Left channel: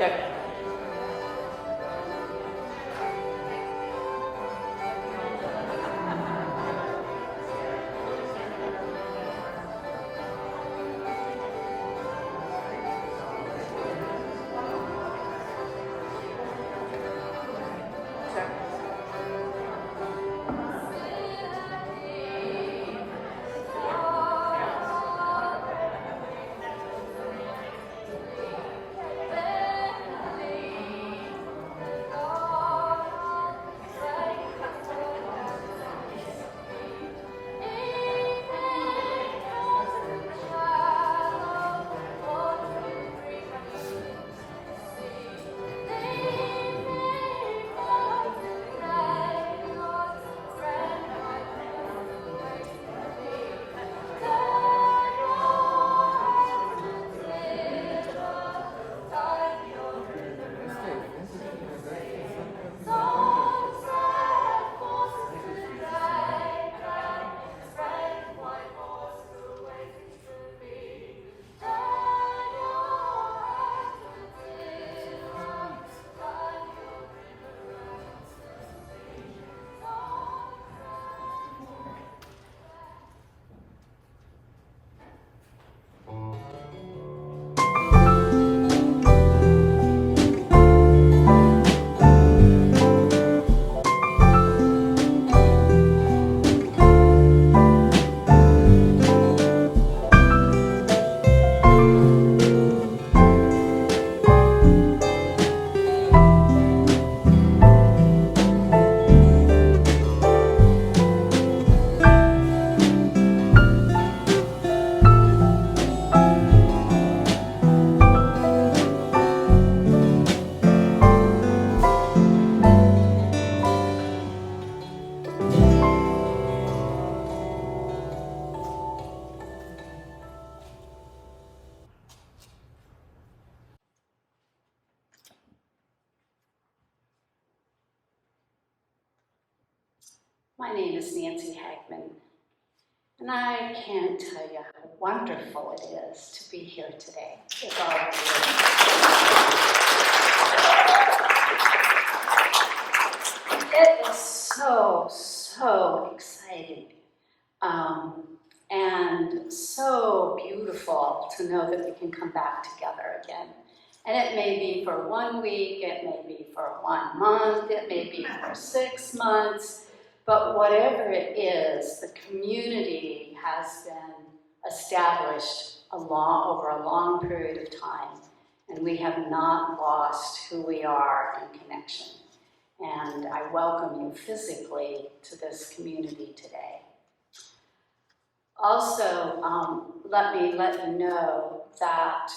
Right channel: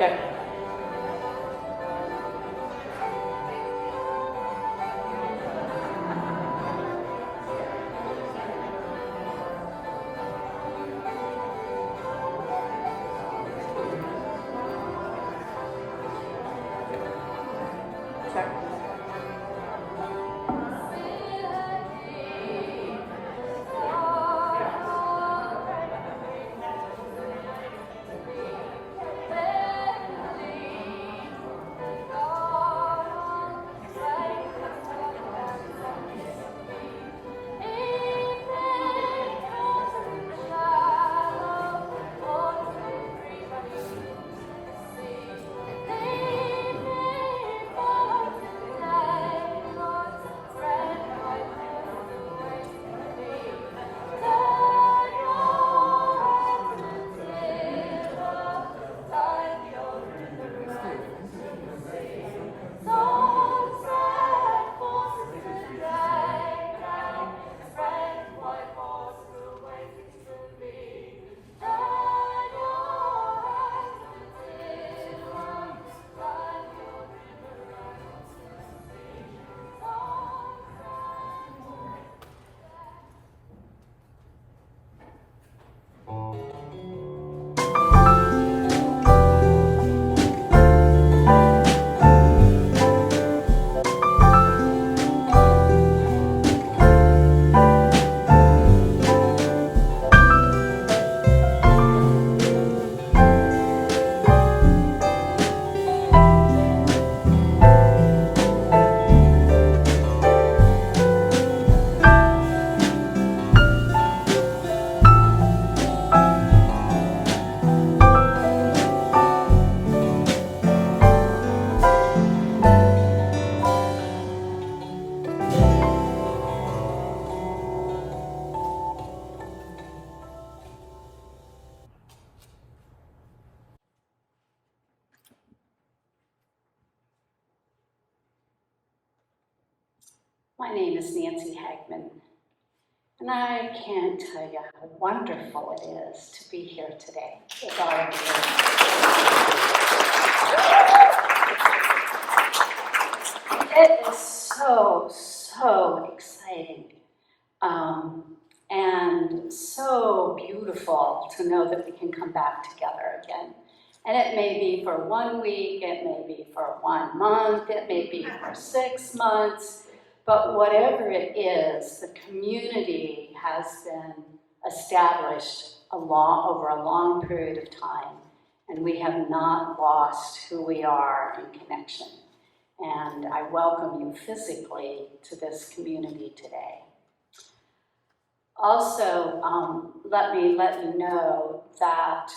Check. My name is Nancy Hagman, and I can't tell you how wonderful it is to be here today with all of you. It is so exciting and so beautiful to know that we can come back together again. And it may be for 1 week, it may be for 1 month, it may be for 6 months. But whatever it is, the community has been established over a long period of time, and we have not lost who we are in connection. And I welcome you physically to this community today. Also, let me let you know that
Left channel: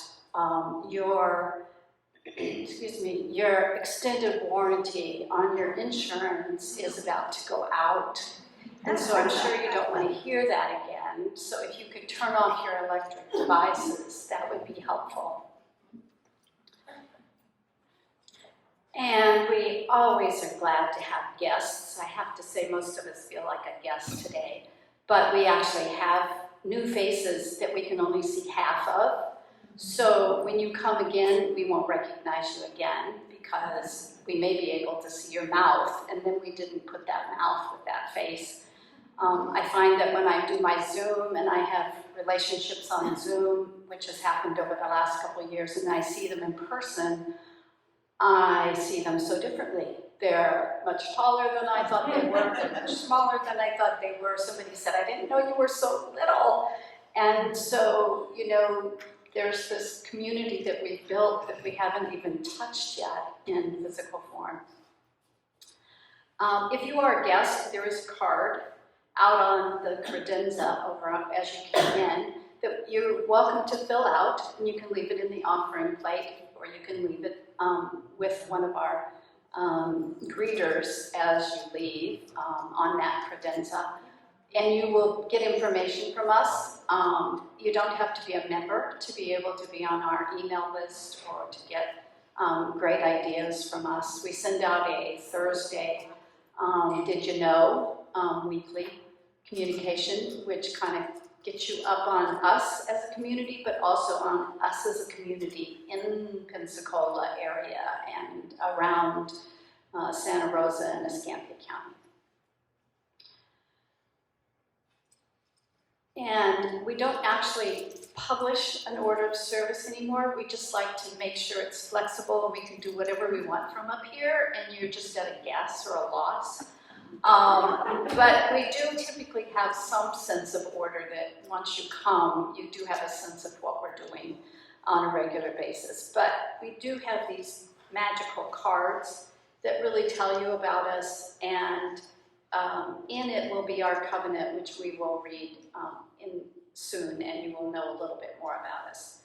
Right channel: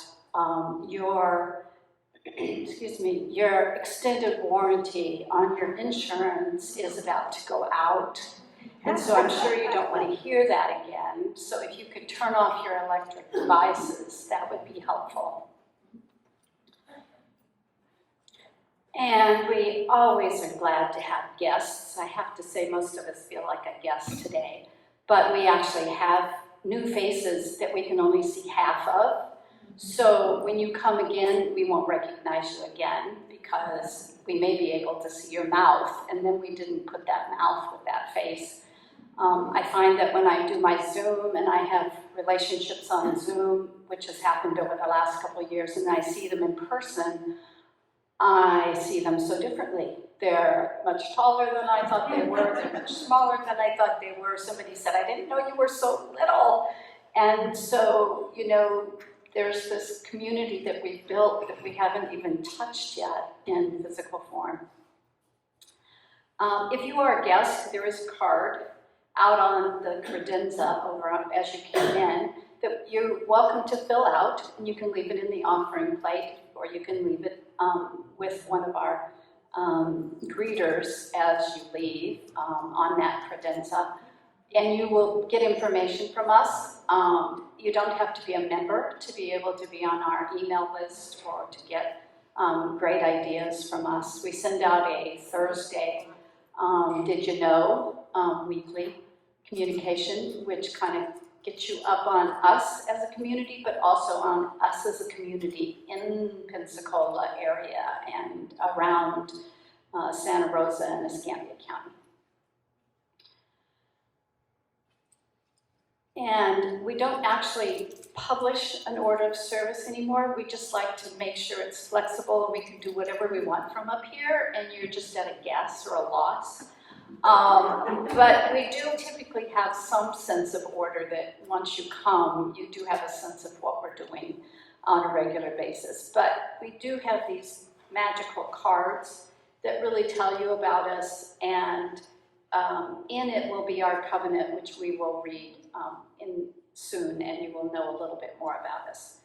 your extended warranty on your insurance is about to go out. And so I'm sure you don't want to hear that again. So if you could turn off your electric devices, that would be helpful. And we always are glad to have guests. I have to say most of us feel like a guest today. But we actually have new faces that we can only see half of. So when you come again, we won't recognize you again because we may be able to see your mouth, and then we didn't put that mouth with that face. I find that when I do my Zoom, and I have relationships on Zoom, which has happened over the last couple of years, and I see them in person, I see them so differently. They're much taller than I thought they were, they're much smaller than I thought they were. Somebody said, I didn't know you were so little. And so, there's this community that we've built that we haven't even touched yet in physical form. If you are a guest, there is a card out on the credenza as you came in that you're welcome to fill out, and you can leave it in the offering plate, or you can leave it with one of our greeters as you leave on that credenza. And you will get information from us. You don't have to be a member to be able to be on our email list or to get great ideas from us. We send out a Thursday Did You Know weekly communication, which kind of get you up on us as a community, but also on us as a community in Pensacola area and around Santa Rosa and Escambia County. And we don't actually publish an order of service anymore. We just like to make sure it's flexible and we can do whatever we want from up here, and you're just at a guess or a loss. But we do typically have some sense of order that once you come, you do have a sense of what we're doing on a regular basis. But we do have these magical cards that really tell you about us, and in it will be our covenant, which we will read soon, and you will know a little bit more about us.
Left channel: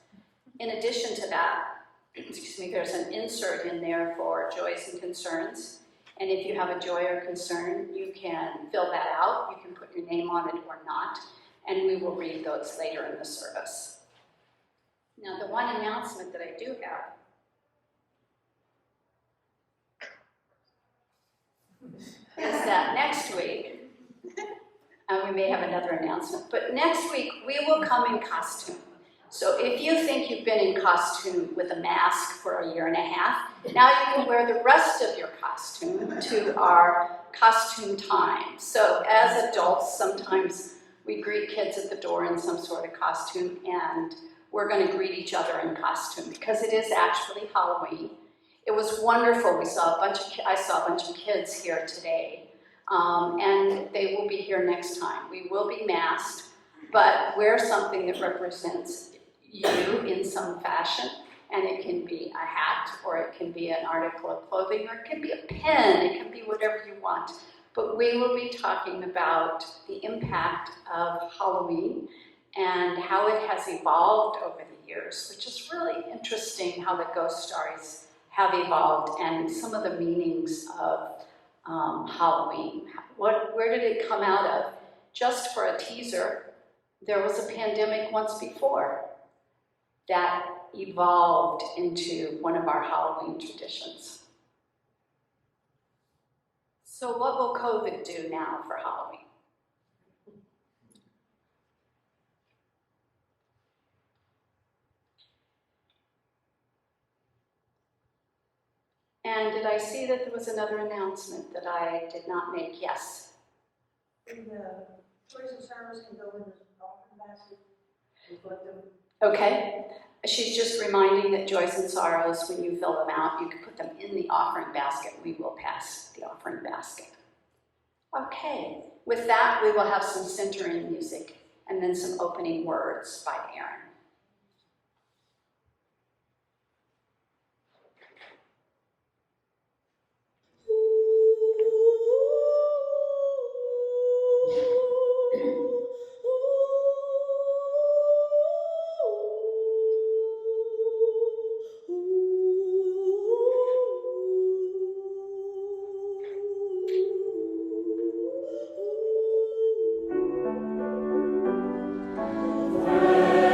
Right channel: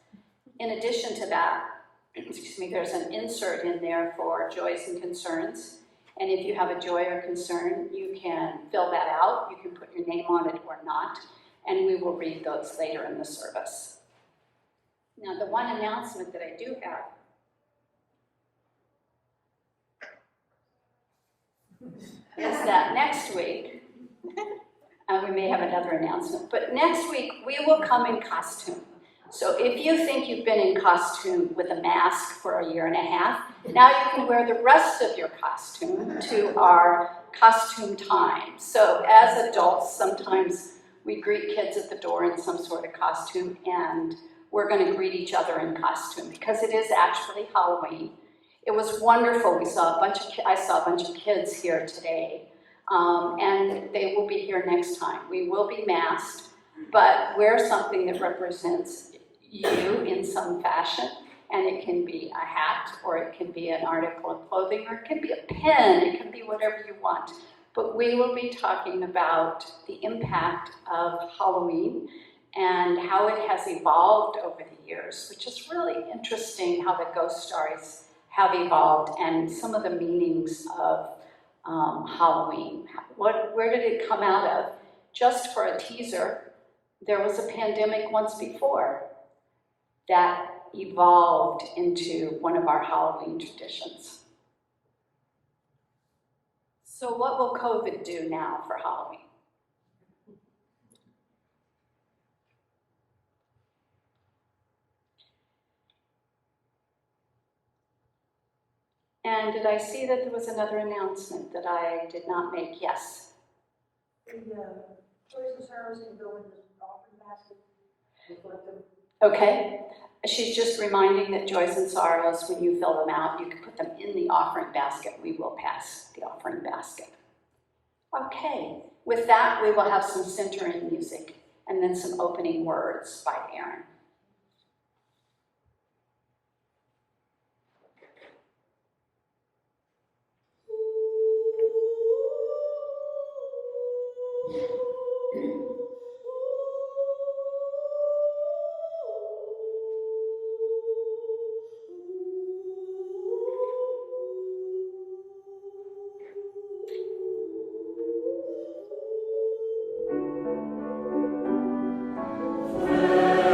In addition to that, excuse me, there's an insert in there for joys and concerns. And if you have a joy or concern, you can fill that out. You can put your name on it or not, and we will read those later in the service. Now, the one announcement that I do have is that next week, we may have another announcement, but next week we will come in costume. So if you think you've been in costume with a mask for a year and a half, now you can wear the rest of your costume to our costume time. So as adults, sometimes we greet kids at the door in some sort of costume, and we're going to greet each other in costume because it is actually Halloween. It was wonderful. I saw a bunch of kids here today, and they will be here next time. We will be masked, but wear something that represents you in some fashion, and it can be a hat, or it can be an article of clothing, or it can be a pen, it can be whatever you want. But we will be talking about the impact of Halloween and how it has evolved over the years, which is really interesting how the ghost stories have evolved and some of the meanings of Halloween. Where did it come out of? Just for a teaser, there was a pandemic once before that evolved into one of our Halloween traditions. So what will COVID do now for Halloween? And did I see that there was another announcement that I did not make? Yes. The choice of service can go in the offering basket. Okay. She's just reminding that joys and sorrows, when you fill them out, you can put them in the offering basket. We will pass the offering basket. Okay. With that, we will have some centering music and then some opening words by Erin. Amen.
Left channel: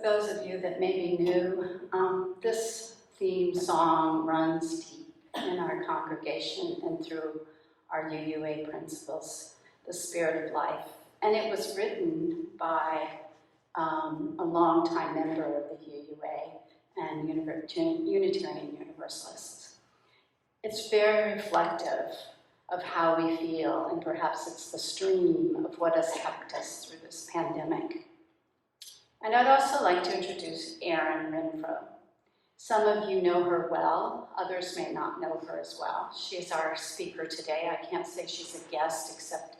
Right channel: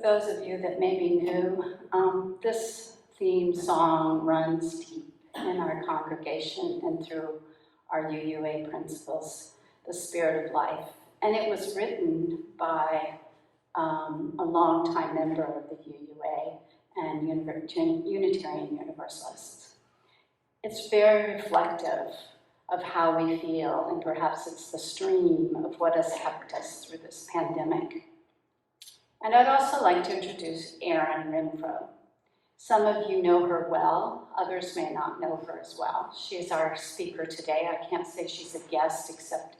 For those of you that may be new, this theme song runs deep in our congregation and through our UUA principles, the spirit of life. And it was written by a longtime member of the UUA and Unitarian Universalists. It's very reflective of how we feel, and perhaps it's the stream of what has helped us through this pandemic. And I'd also like to introduce Erin Renfroe. Some of you know her well, others may not know her as well. She is our speaker today. I can't say she's a guest, except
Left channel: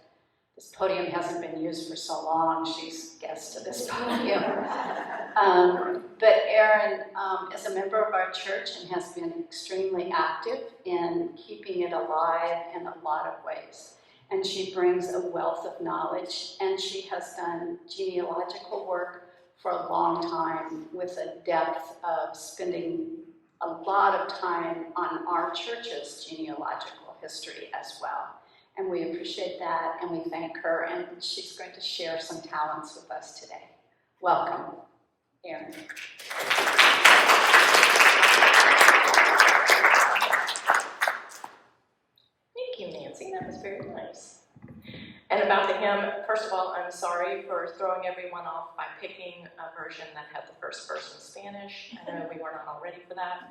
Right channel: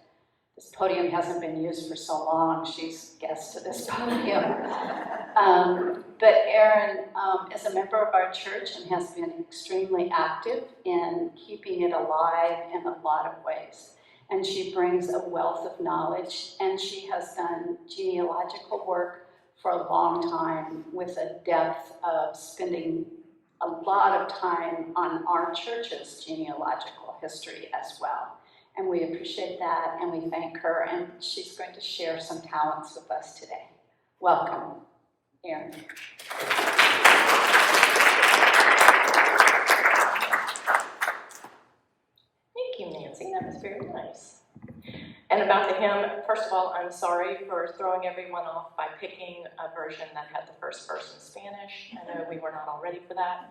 this podium hasn't been used for so long. She's guest to this podium. But Erin is a member of our church and has been extremely active in keeping it alive in a lot of ways. And she brings a wealth of knowledge, and she has done genealogical work for a long time with a depth of spending a lot of time on our church's genealogical history as well. And we appreciate that, and we thank her, and she's going to share some talents with us today. Welcome, Erin. Thank you, Nancy. That was very nice. And about the hymn, first of all, I'm sorry for throwing everyone off by picking a version that had the first verse in Spanish. I know we were not all ready for that.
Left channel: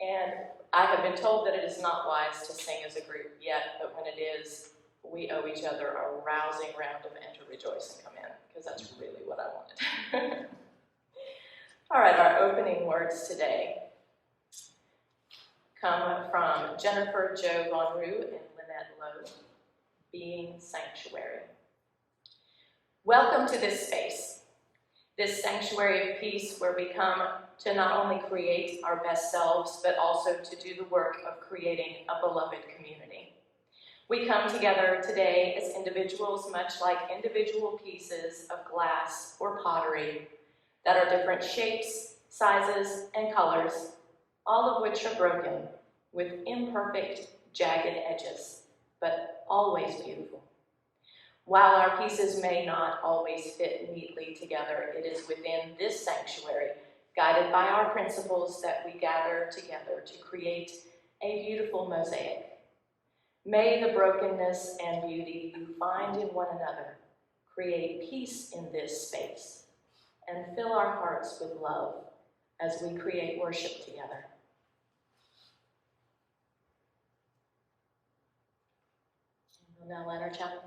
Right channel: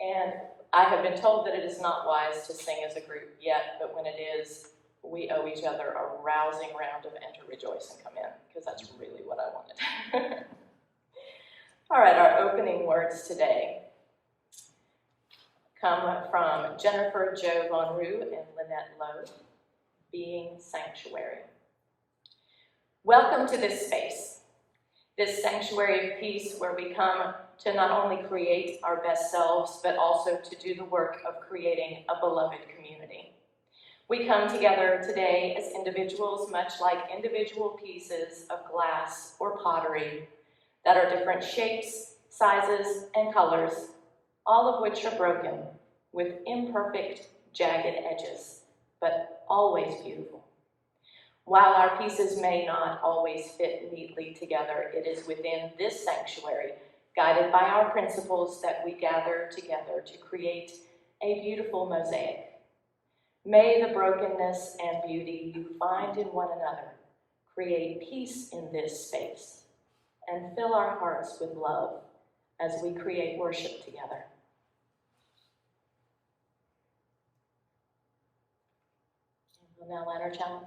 And I have been told that it is not wise to sing as a group yet, but when it is, we owe each other a rousing round of Enter, Rejoice, and Come In, because that's really what I wanted. All right, our opening words today come from Jennifer Jo Von Roo and Lynette Lowe, Being Sanctuary. Welcome to this space, this sanctuary of peace where we come to not only create our best selves, but also to do the work of creating a beloved community. We come together today as individuals, much like individual pieces of glass or pottery that are different shapes, sizes, and colors, all of which are broken with imperfect, jagged edges, but always beautiful. While our pieces may not always fit neatly together, it is within this sanctuary, guided by our principles, that we gather together to create a beautiful mosaic. May the brokenness and beauty you find in one another create peace in this space and fill our hearts with love as we create worship together. And we'll now light our chalice.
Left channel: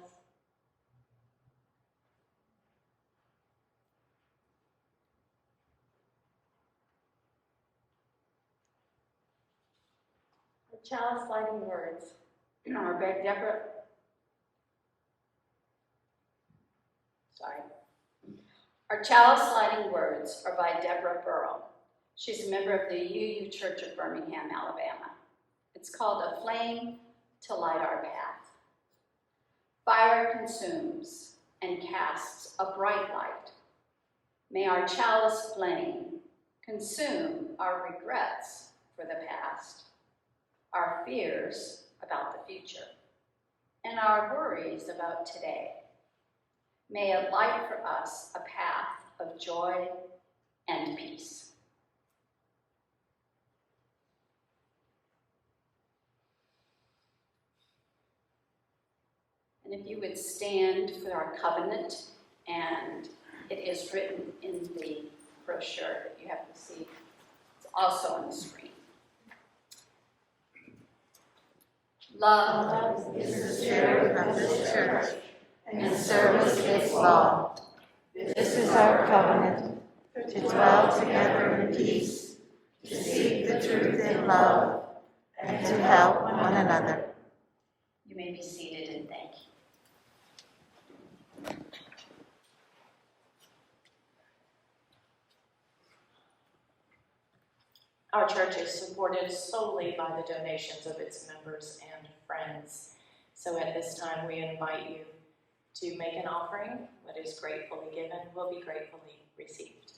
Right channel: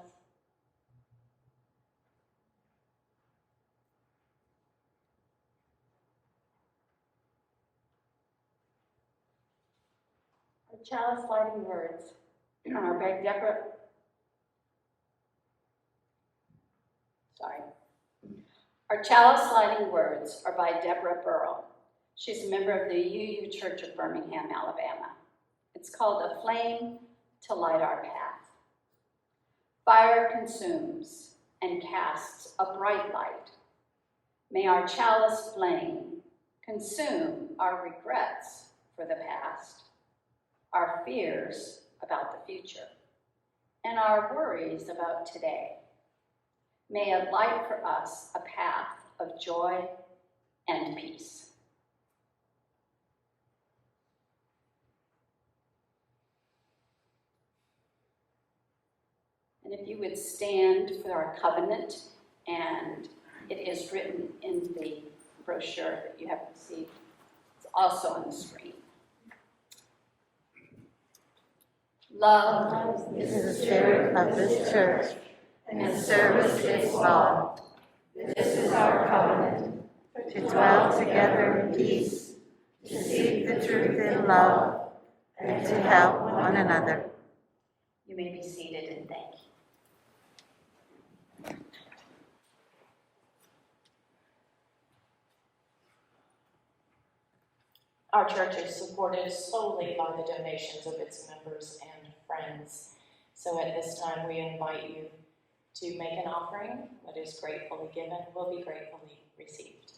Our chalice lighting words are by Deborah. Our chalice lighting words are by Deborah Burrell. She's a member of the UU Church of Birmingham, Alabama. It's called A Flame to Light Our Path. Fire consumes and casts a bright light. May our chalice flame consume our regrets for the past, our fears about the future, and our worries about today. May it light for us a path of joy and peace. And if you would stand for our covenant, and it is written in the brochure that you have received. It's also on the screen. Love is the spirit of this church, and service is law. This is our covenant, to dwell together in peace, to seek the truth in love, and to help one another. You may be seated, and thank you. Our church is supported solely by the donations of its members and friends. So at this time, we invite you to make an offering. What is gratefully given will be gratefully received.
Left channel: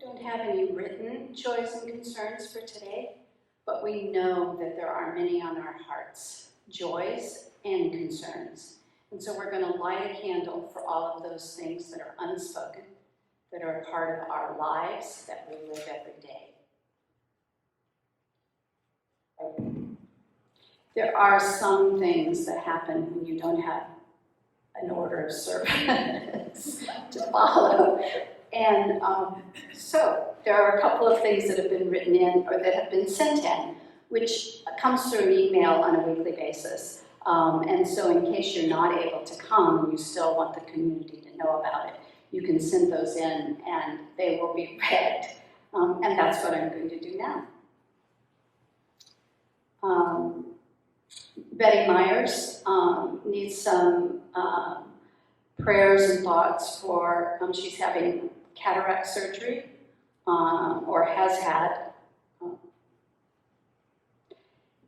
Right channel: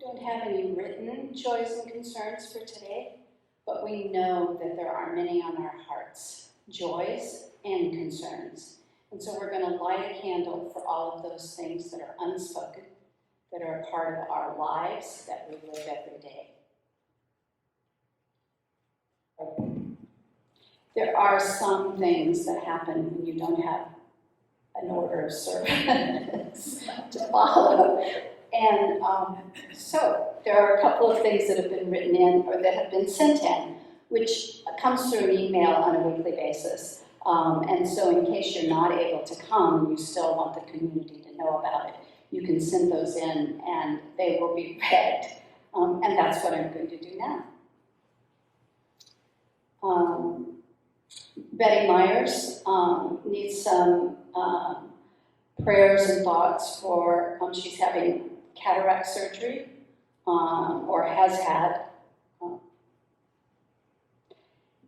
We don't have any written joys and concerns for today, but we know that there are many on our hearts, joys and concerns. And so we're going to light a candle for all of those things that are unspoken, that are a part of our lives, that we live every day. There are some things that happen when you don't have an order of service to follow. And so there are a couple of things that have been written in or that have been sent in, which comes through an email on a weekly basis. And so in case you're not able to come and you still want the community to know about it, you can send those in and they will be read. And that's what I'm going to do now. Betty Myers needs some prayers and thoughts for, she's having cataract surgery, or has had,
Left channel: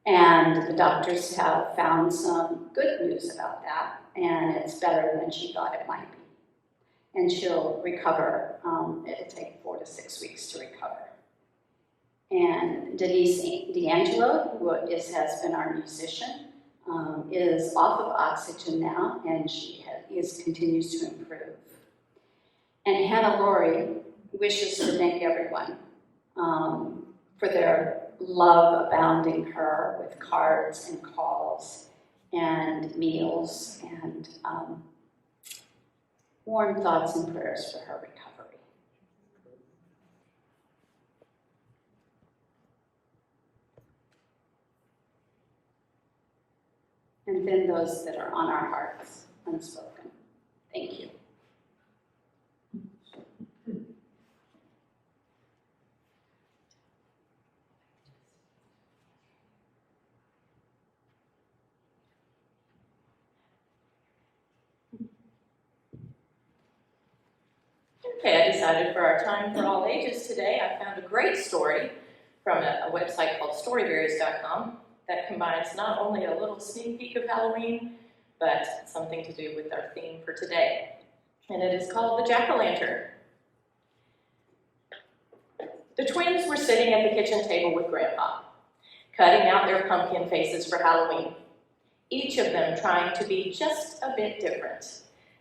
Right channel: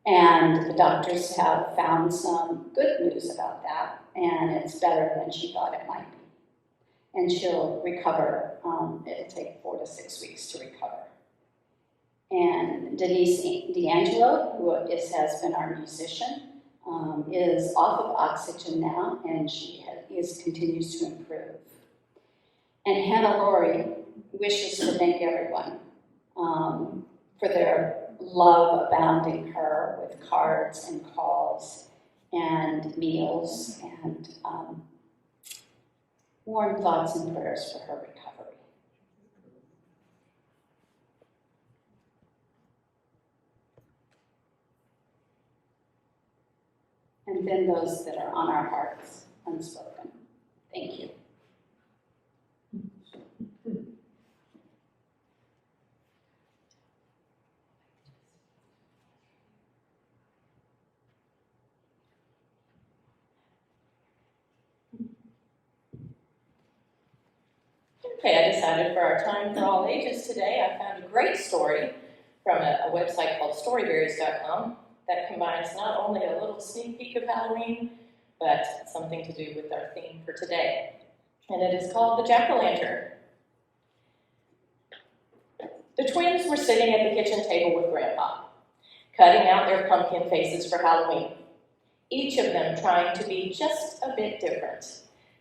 and the doctors have found some good news about that, and it's better than she thought it might be. And she'll recover. It'll take 4 to 6 weeks to recover. And Denise D'Angelo, who has been our musician, is off of oxygen now, and she continues to improve. And Hannah Laurie wishes to thank everyone for their love abounding her with cards and calls and meals and warm thoughts and prayers for her recovery. And then those that are on our hearts, unspoken. Thank you. Okay, I decided for our time for all ages today, I found a great story from a website called storyberries.com that combines not only a little sneak peek of Halloween, but something to do with our theme for today. And it is called The Jack-O-Lantern. The twins were sitting at the kitchen table with Grandpa, cutting out their pumpkin faces for Halloween, each of them trying to be just a bit different.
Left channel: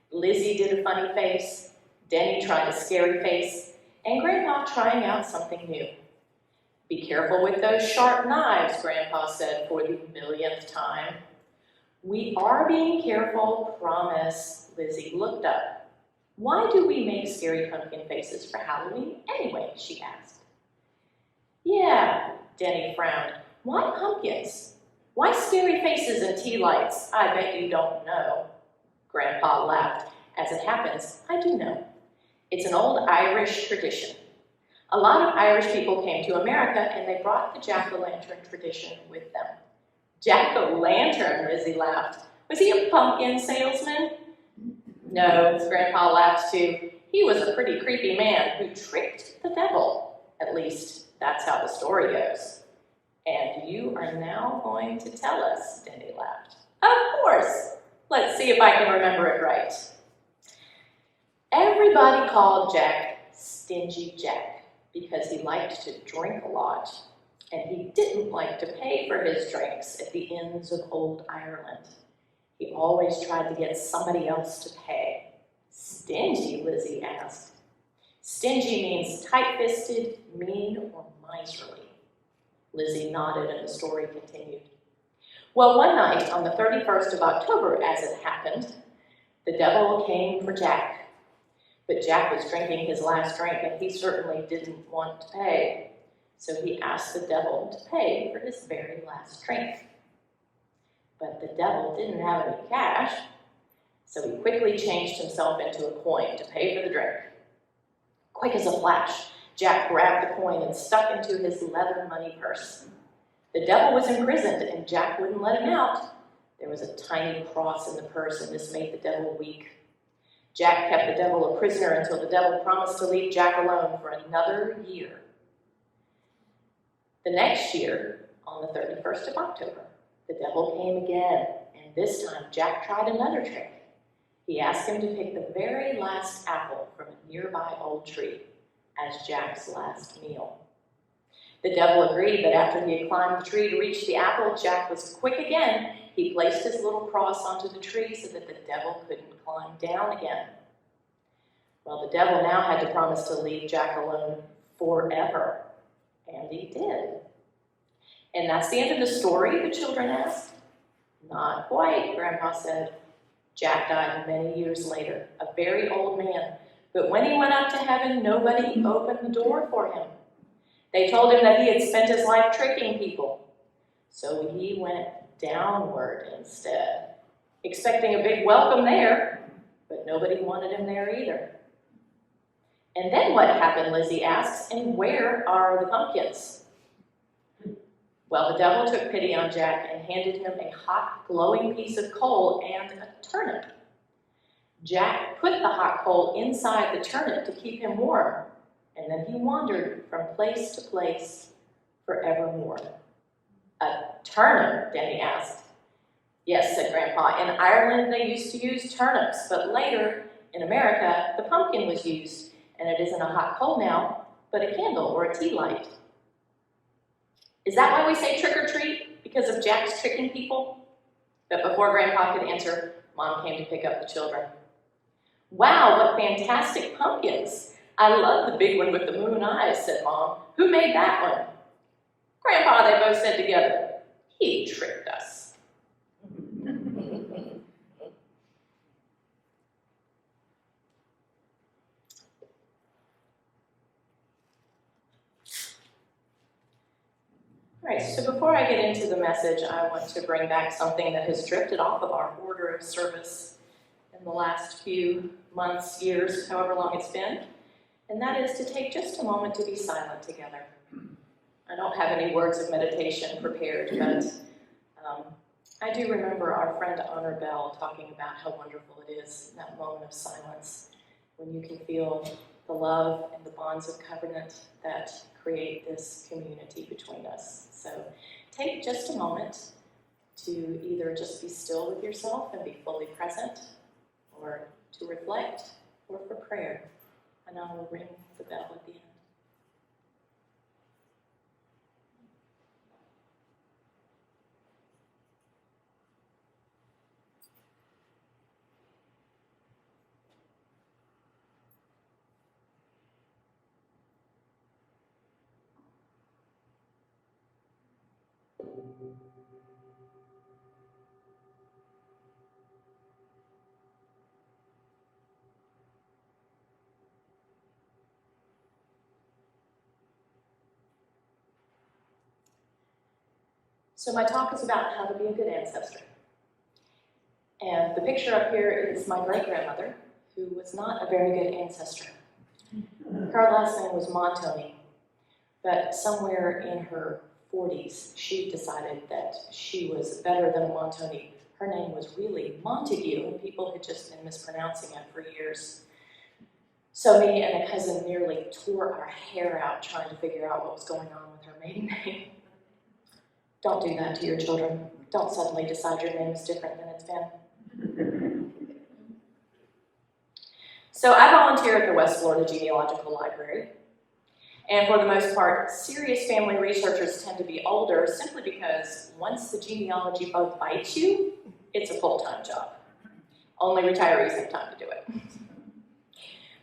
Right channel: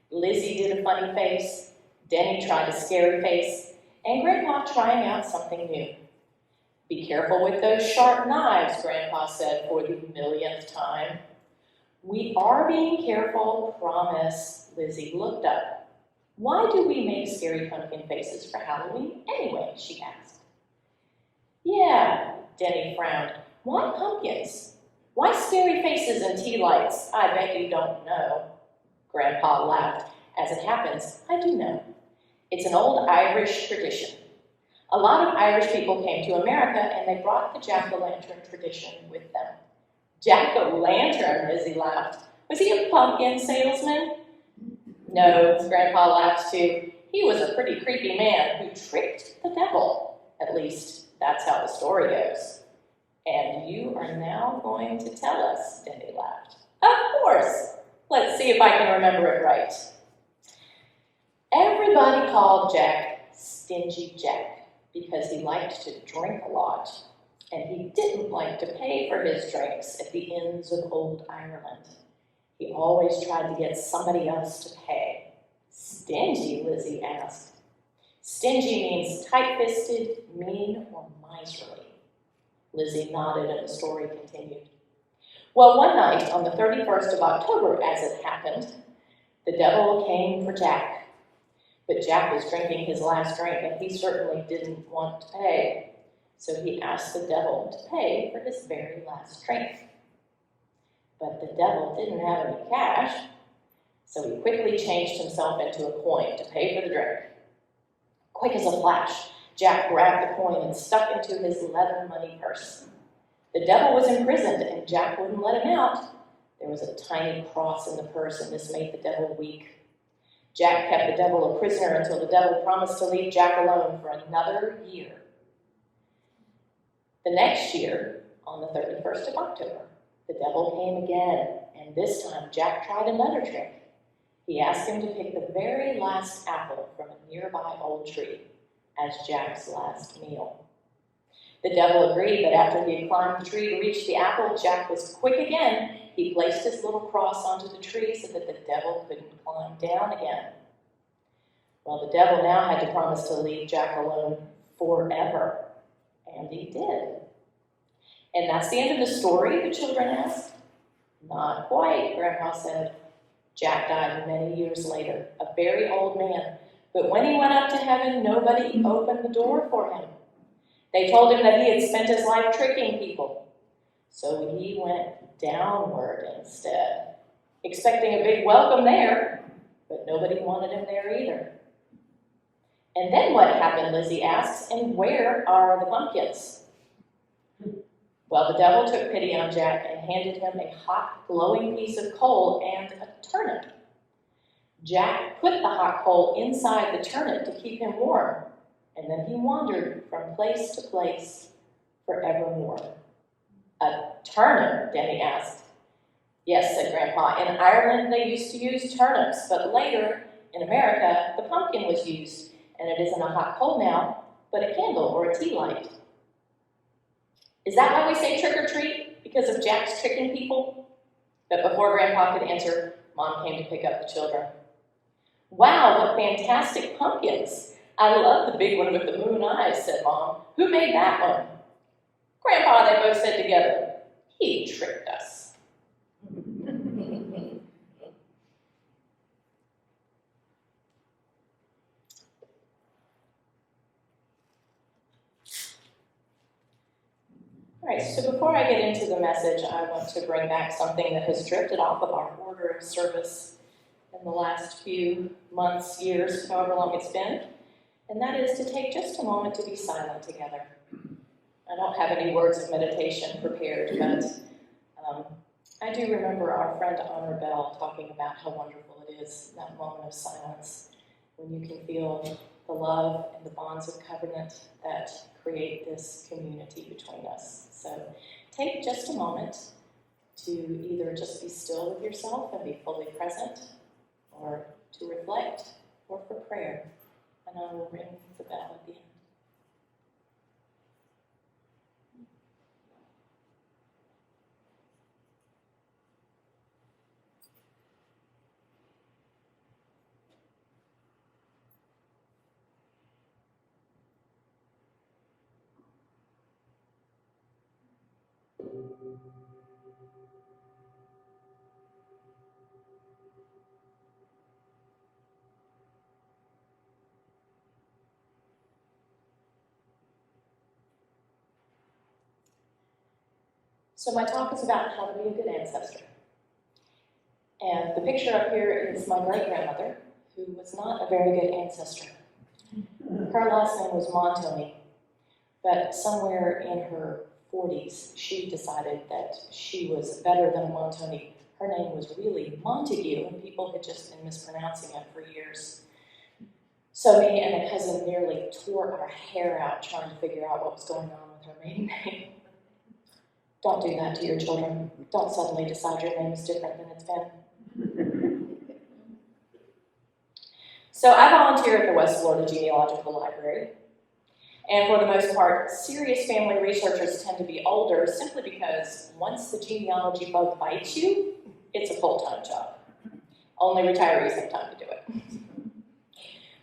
Lizzie did a funny face, Denny tried a scary face, and Grandpa trying out something new. "Be careful with those sharp knives," Grandpa said for the millionth time. "We are being careful, promise." Lizzie looked up. "Why do we make scary pumpkin faces for Halloween anyway?" she asked. "Yeah," Denny frowned. "Why pumpkins? Why scary faces and tea lights? I bet you don't know." Grandpa laughed. "As it happens, I do know. It's an old Irish tradition. A lot of Irish people came to America and they brought the jack-o'-lantern tradition with them." "Jack-o'-lantern," Lizzie laughed. "Was he a pumpkin salesman?" "No," Grandpa laughed too. "He was a pretty creepy man who tricked the devil. At least, that's how the story goes." "And you are now going to tell us," Denny laughed. "Of course. Let's see if I can remember it right." Everybody called Jack Stingy Jack because he liked to drink a lot, and he didn't like to pay for his drinks at the inns of old Ireland. He always tried to get somebody else to pay. "Stingy?" Lizzie asked. "Stingy means tight-fisted, mean, or miserly." Lizzie nodded and the story continued. "Well, one night on the 31st of October, as it happened, the devil came for Jack. But Jack was drinking his last drink, and he certainly didn't want to pay. So he asked the devil to pay for his very last drink. But the devil didn't have any cash, so he quickly changed himself into a coin to pay for the drink. Quick as a flash, Jack grabbed the coin and stuck into his leather money purse. The devil was imprisoned, and Jack wouldn't let him out. There was a tiny cross in the purse, and this made the devil weak. Jack kept the devil a prisoner until the devil promised to leave Jack alone for another year. The next year, on the 31st of October, the devil came again, and this time Jack tried another trick. He asked him to pick the very last apple from a nearby old tree. as Jack's last meal. The devil agreed, but after he had climbed the tree to reach the apple, Jack was quick again. He placed his little cross onto the tree so that the devil couldn't climb down again. Well, the devil now had to promise to leave Jack alone forever, and he did. And that's the end of the story, the children asked. Not quite, Grandpa said. Jack died many years later, a very old man. But when he went up to heaven, nobody opened the door for him. They told him that he had spent his life tricking people. So he went downward instead, expecting a big welcome there, but nobody wanted him there either. And then what happened, Lizzie asks, and where are the pumpkins? Well, the devil took pity on Jack and handed him a hot, glowing piece of coal and a turnip. Jack put the hot coal inside the turnip to keep him warm, and then he wandered from place to place forevermore. A turnip, Denny asked. Yes, said Grandpa. In Ireland, they used to use turnips, but later, in America, the pumpkin was used, and it isn't a hot coal now, but a candle or a tea light. Is that why we say trick or treat? Because of Jack's tricking people? But before Grandpa could answer, Mom came to pick up the children. Wow, what fantastic pumpkins. I love the big one with the moon eyes, said Mom. Who made that one? Grandpa, they both said together. He tricked us. All right, so before I get into the message, I want to bring back something that has drifted off of our order of service in the last few months, years, however long it's been, and that is to take just a moment to be silent together. I don't have any words of meditation prepared, but I do remember our friend Honor Bell talking about how wonderful it is, that moment of silence, when you can feel the love and the bonds of covenant that create this community between us. So take just a moment to either just be still with yourself and be fully present, or to reflect, or for prayer. And I will ring the bell at the end. So my talk is about how to be a good ancestor. And the picture up here is my great-grandmother, who was not a very good ancestor. Her last name was Montoni, but somewhere in her 40s, she decided that she was better than Montoni. Her name was really Montague, and people had just been mispronouncing it for years. So me and a cousin nearly tore our hair out trying to figure out what was going on with her maiden name. Don't do that to your children. Don't suddenly decide your name is different than it's been. So I volunteer at the West Florida Genealogical Library. And for the most part, serious family researchers tend to be older simply because once the genealogy bug bites you, it's a full-time job. Only retirees have time to do it.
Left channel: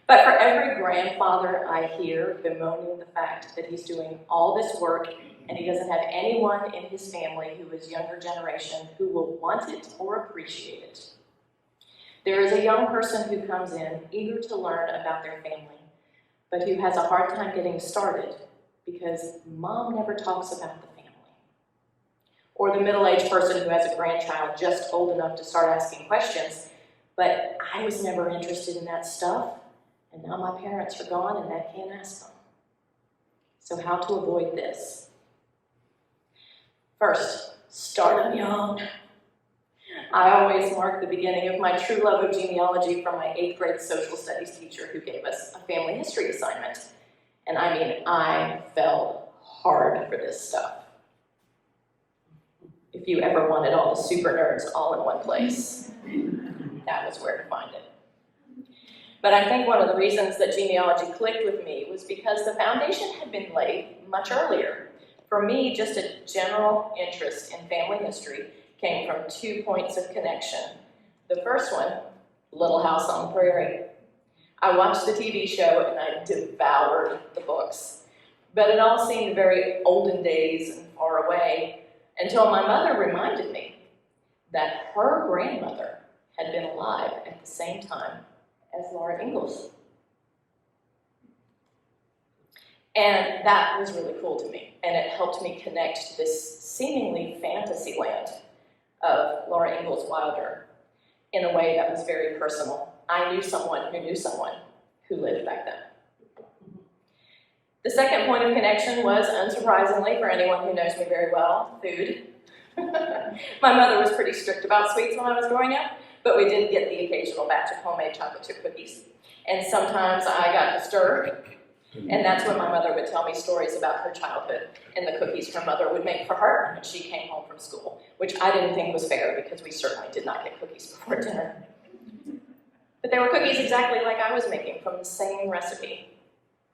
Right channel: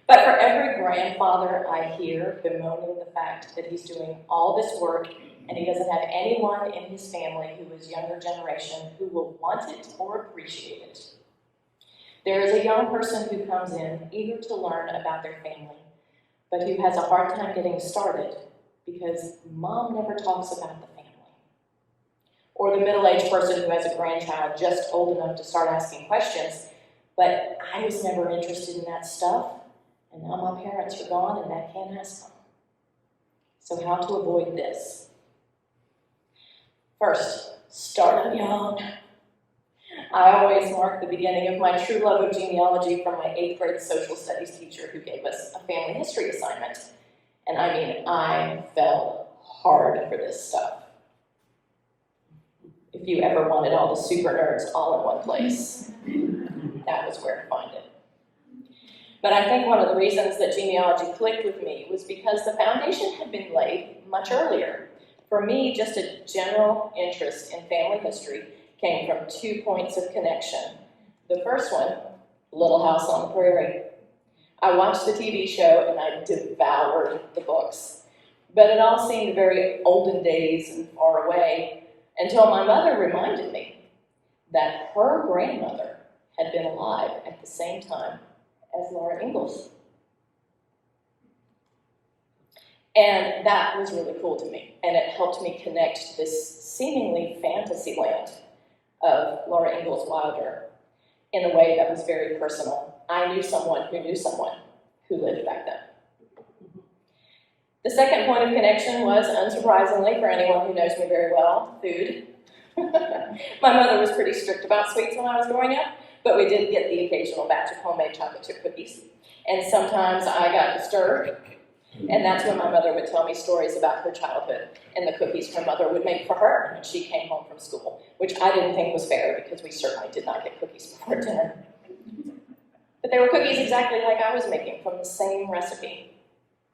But for every grandfather I hear bemoaning the fact that he's doing all this work and he doesn't have anyone in his family who is younger generation who will want it or appreciate it. There is a young person who comes in eager to learn about their family, but who has a hard time getting started because mom never talks about the family. Or the middle-aged person who has a grandchild just old enough to start asking questions, but I was never interested in that stuff, and now my parents are gone and I can't ask them. So how to avoid this? First, start them young. I always mark the beginning of my true love of genealogy from my 8th grade social studies teacher who gave us a family history assignment. And I mean, I fell hard for this stuff. If you ever wanted all the super nerds all in one place, that was where to find it. But I think one of the reasons that genealogy clicked with me was because the foundation had been laid much earlier. For me, just a general interest in family history came from 2 points of connection. The first one, Little House on the Prairie. I watched the TV show and I devoured the books. But it all seemed very olden days and far away until my mother reminded me that her grandmother had been alive at the same time as Laura Ingalls. And that was really cool to me, and it helped me connect to this seemingly fantasy land of Laura Ingalls Wilder in a way that was very personal. I knew someone who lived back then. The second point of connection was, unsurprisingly, for anyone who knows me very well, food. My mother was pretty strict about sweets when I was growing up, but we did get the occasional batch of homemade chocolate chip cookies. And sometimes I got disturbed, and that's when my mother would tell me stories about her childhood and the cookies her mother would make for her when she came home from school, which I didn't think was fair because we certainly did not get cookies before dinner. But they were cookies exactly like I was making from the same recipe.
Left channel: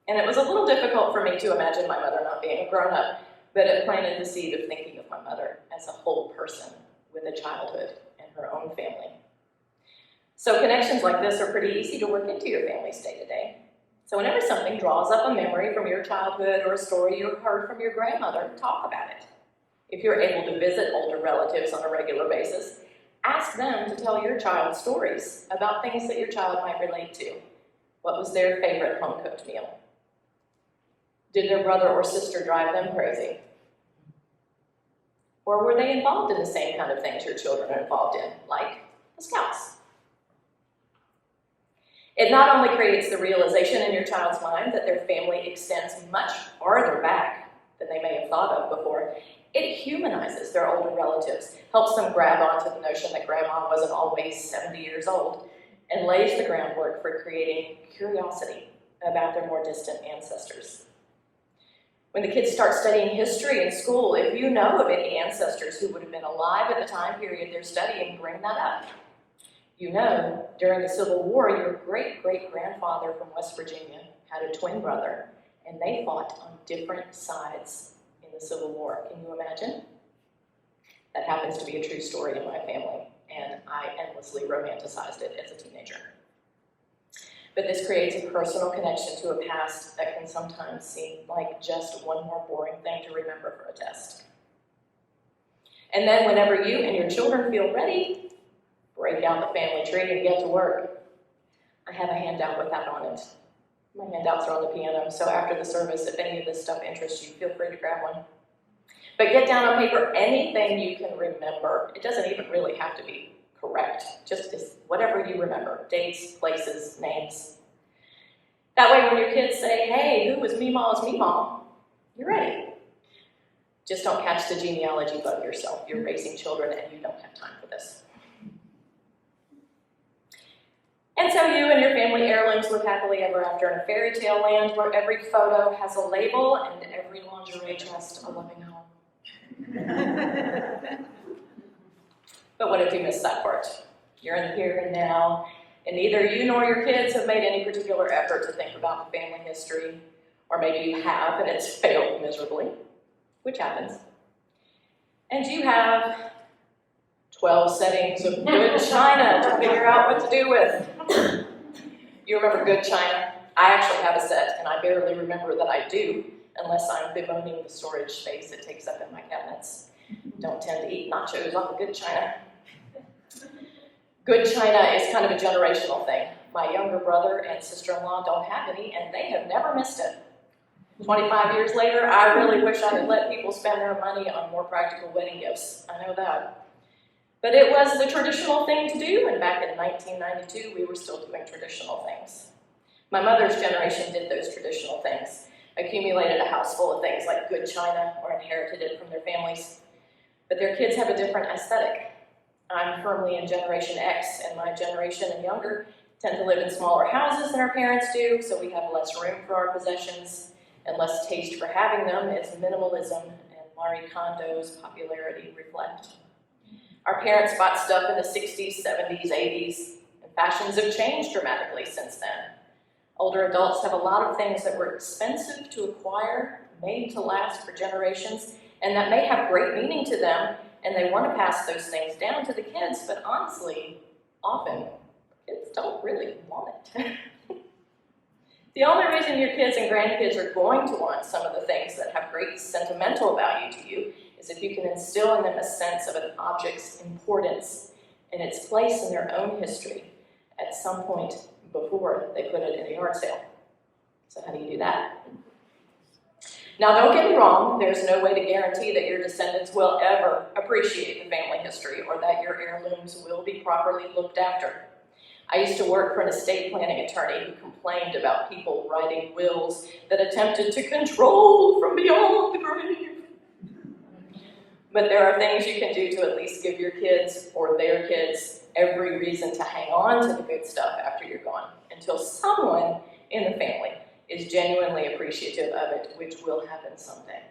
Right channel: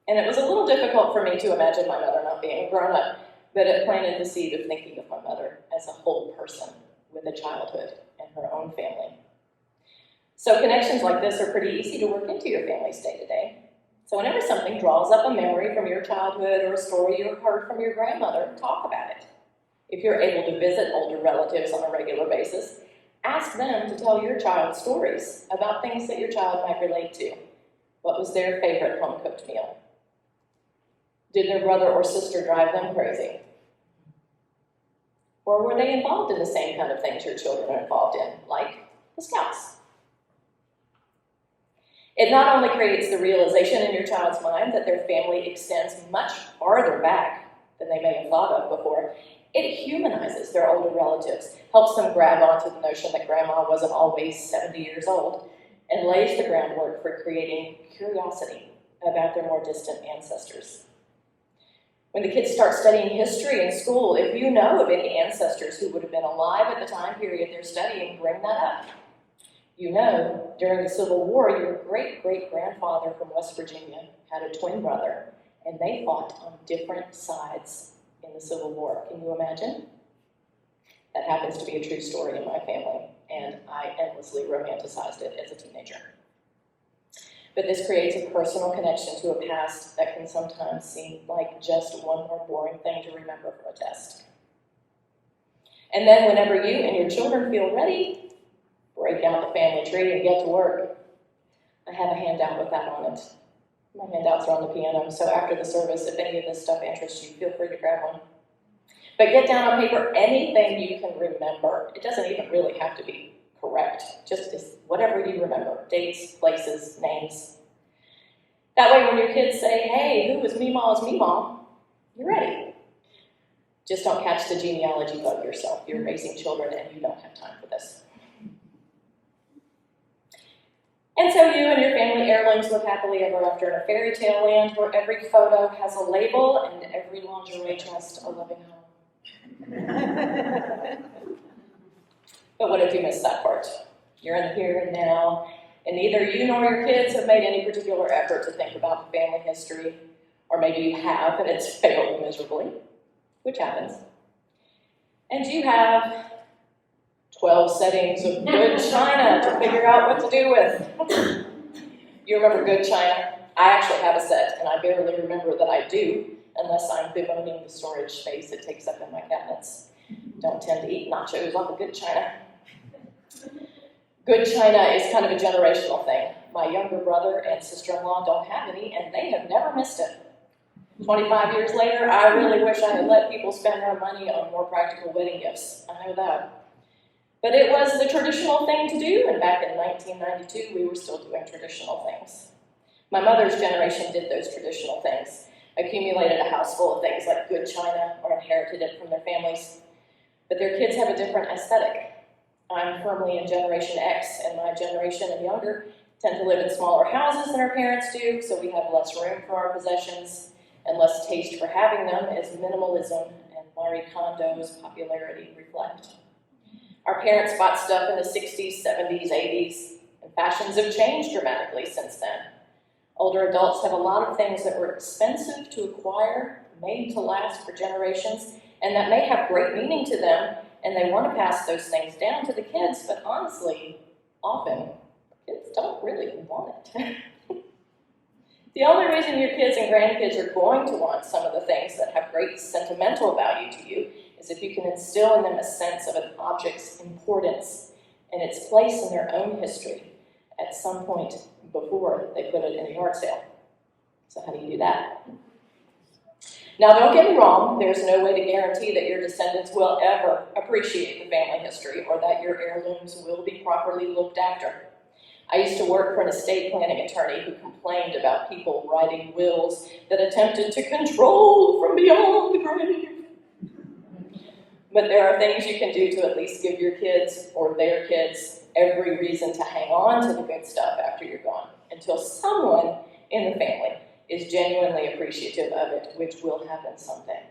And it was a little difficult for me to imagine my mother not being a grown-up, but it planted the seed of thinking of my mother as a whole person with a childhood and her own family. So connections like this are pretty easy to work into your family's day-to-day. So whenever something draws up a memory from your childhood or a story you heard from your grandmother, talk about it. If you're able to visit older relatives on a regular basis, ask them to tell your child stories about things that your child might relate to. What was their favorite home-cooked meal? Did their brother or sister drive them crazy? Or were they involved in the same kind of things your children are involved in, like the Scouts? It not only creates the realization in your child's mind that their family extends much farther back than they may have thought of before, it humanizes their older relatives, helps them grab onto the notion that grandma wasn't always 70 years old, and lays the groundwork for creating curiosity about their more distant ancestors. When the kids start studying history in school, if you know of any ancestors who would have been alive at the time period they're studying, bring that up. You know, during the Civil War, your great-great-grandfather from West Virginia had a twin brother, and they fought on different sides in the Civil War. Can you imagine? That happens to be a true story in my family, and I endlessly romanticized it as a teenager. But this creates a personal connection to a past that can sometimes seem like just one more boring thing to remember for a test. And then whenever you and your children feel ready, break out the family tree and get to work. I have a handout with that on it. My handouts are on the piano, so after the service, if any of this stuff interests you, feel free to grab one. But get down on paper anything you can remember. It doesn't even really have to be correct, just whatever you remember, dates, places, names. That way when your kids say, hey, who was Meemaw's Meemaw, you're ready. Just don't catch the genealogy bug yourself. You're raising children and you don't have time for this. And so you and your family heirlooms live happily ever after in a fairy tale land where every photo has a label and every lingerie chest a loving home. But what if you missed that part? You're in the here and now, and neither you nor your kids have made any particular effort to think about the family history, or maybe you have and it's failed miserably, which happens. And you have 12 settings of good china to figure out what to do with. You remember good china? I actually have a set, and I barely remember that I do, unless I'm bemoaning the storage space it takes up in my cabinets. Don't tend to eat nachos off of good china. Good china is kind of a generational thing. My younger brother and sister-in-law don't have any, and they have never missed it. 25 years later, I really wish I had let people spend their money on more practical wedding gifts. I know that. But it was the traditional thing to do, and back in 1992, we were still doing traditional things. My mother's generation did those traditional things, accumulated a house full of things like good china or inherited it from their families. But their kids have a different aesthetic. I'm firmly in Generation X, and my generation and younger tend to live in smaller houses than our parents do, so we have less room for our possessions and less taste for having them, as minimalism and Marie Kondo's popularity reflect. Our parents bought stuff in the 60s, 70s, 80s, and Fashions have changed dramatically since then. Older adults have a lot of things that were expensive to acquire, made to last for generations, and that may have great meaning to them, and they want to pass those things down to the kids, but honestly, often, kids don't really want it. The only reason your kids and grandkids are going to want some of the things that have great sentimental value to you is if you can instill in them a sense of an object's importance and its place in their own history at some point before they put it in a yard sale. So how do you do that? Now, don't get me wrong, there's no way to guarantee that your descendants will ever appreciate the family history or that your heirlooms will be properly looked after. I used to work for an estate planning attorney who complained about people writing wills that attempted to control from beyond the grave. But there are things you can do to at least give your kids or their kids every reason to hang on to the good stuff after you're gone, until someone in the family is genuinely appreciative of it, which will happen someday.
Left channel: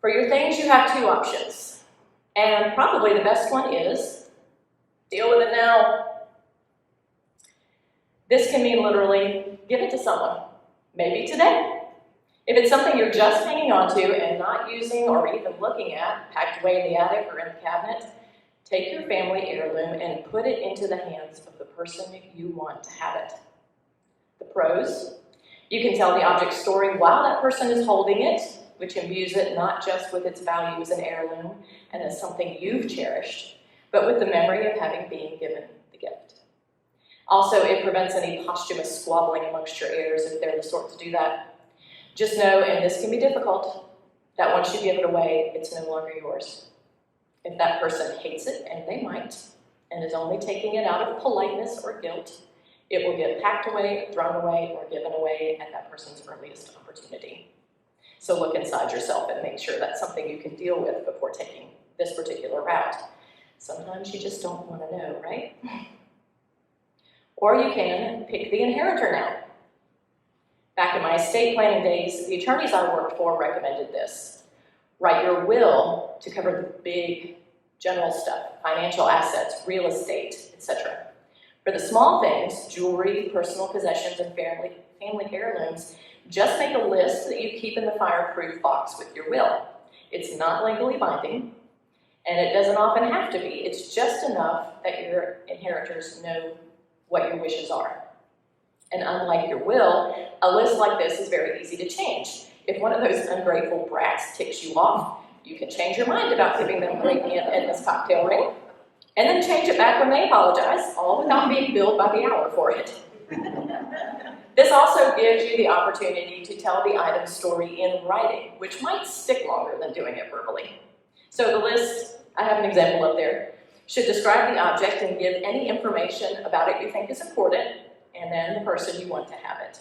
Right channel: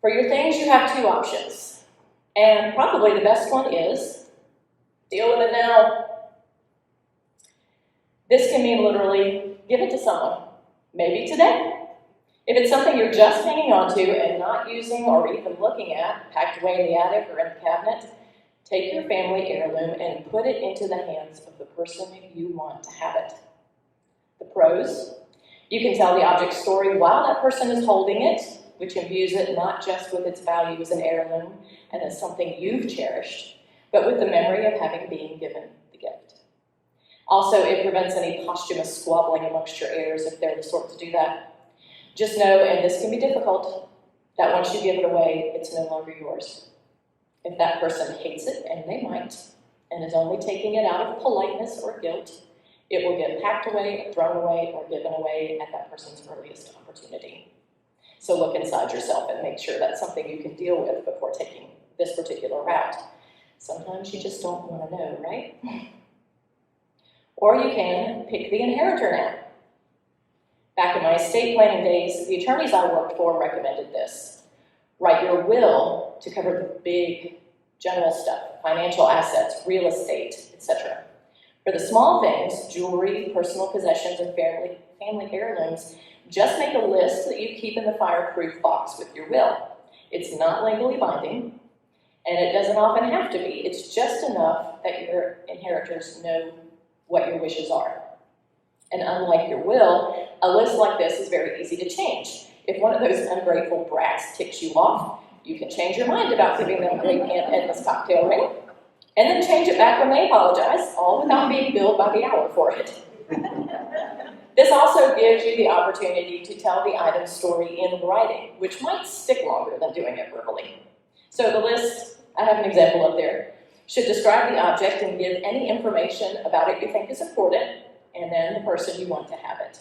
For your things, you have two options. And probably the best one is, deal with it now. This can mean literally, give it to someone, maybe today. If it's something you're just hanging on to and not using or even looking at, packed away in the attic or in the cabinet, take your family heirloom and put it into the hands of the person you want to have it. The pros: you can tell the object's story while that person is holding it, which imbues it not just with its value as an heirloom and as something you've cherished, but with the memory of having been given the gift. Also, it prevents any posthumous squabbling amongst your heirs if they're the sort to do that. Just know, and this can be difficult, that once you give it away, it's no longer yours. If that person hates it, and they might, and is only taking it out of politeness or guilt, it will get packed away, thrown away, or given away at that person's earliest opportunity. So look inside yourself and make sure that's something you can deal with before taking this particular route. Sometimes you just don't want to know, right? Or you can pick the inheritor now. Back in my estate planning days, the attorneys I worked for recommended this. Write your will to cover the big general stuff, financial assets, real estate, etc. For the small things, jewelry, personal possessions, and family heirlooms, just make a list that you keep in the fireproof box with your will. It's not legally binding, and it doesn't often have to be. It's just enough that your inheritors know what your wishes are. And unlike your will, a list like this is very easy to change. If one of those ungrateful brats ticks you off, you can change your mind about giving them a great Aunt Edna's cocktail ring, and then change it back when they apologize, all without being billed by the hour for it. This also gives you the opportunity to tell the item's story in writing, which might stick longer than doing it verbally. So the list, I have an example up there, should describe the object and give any information about it you think is important, and then the person you want to have it.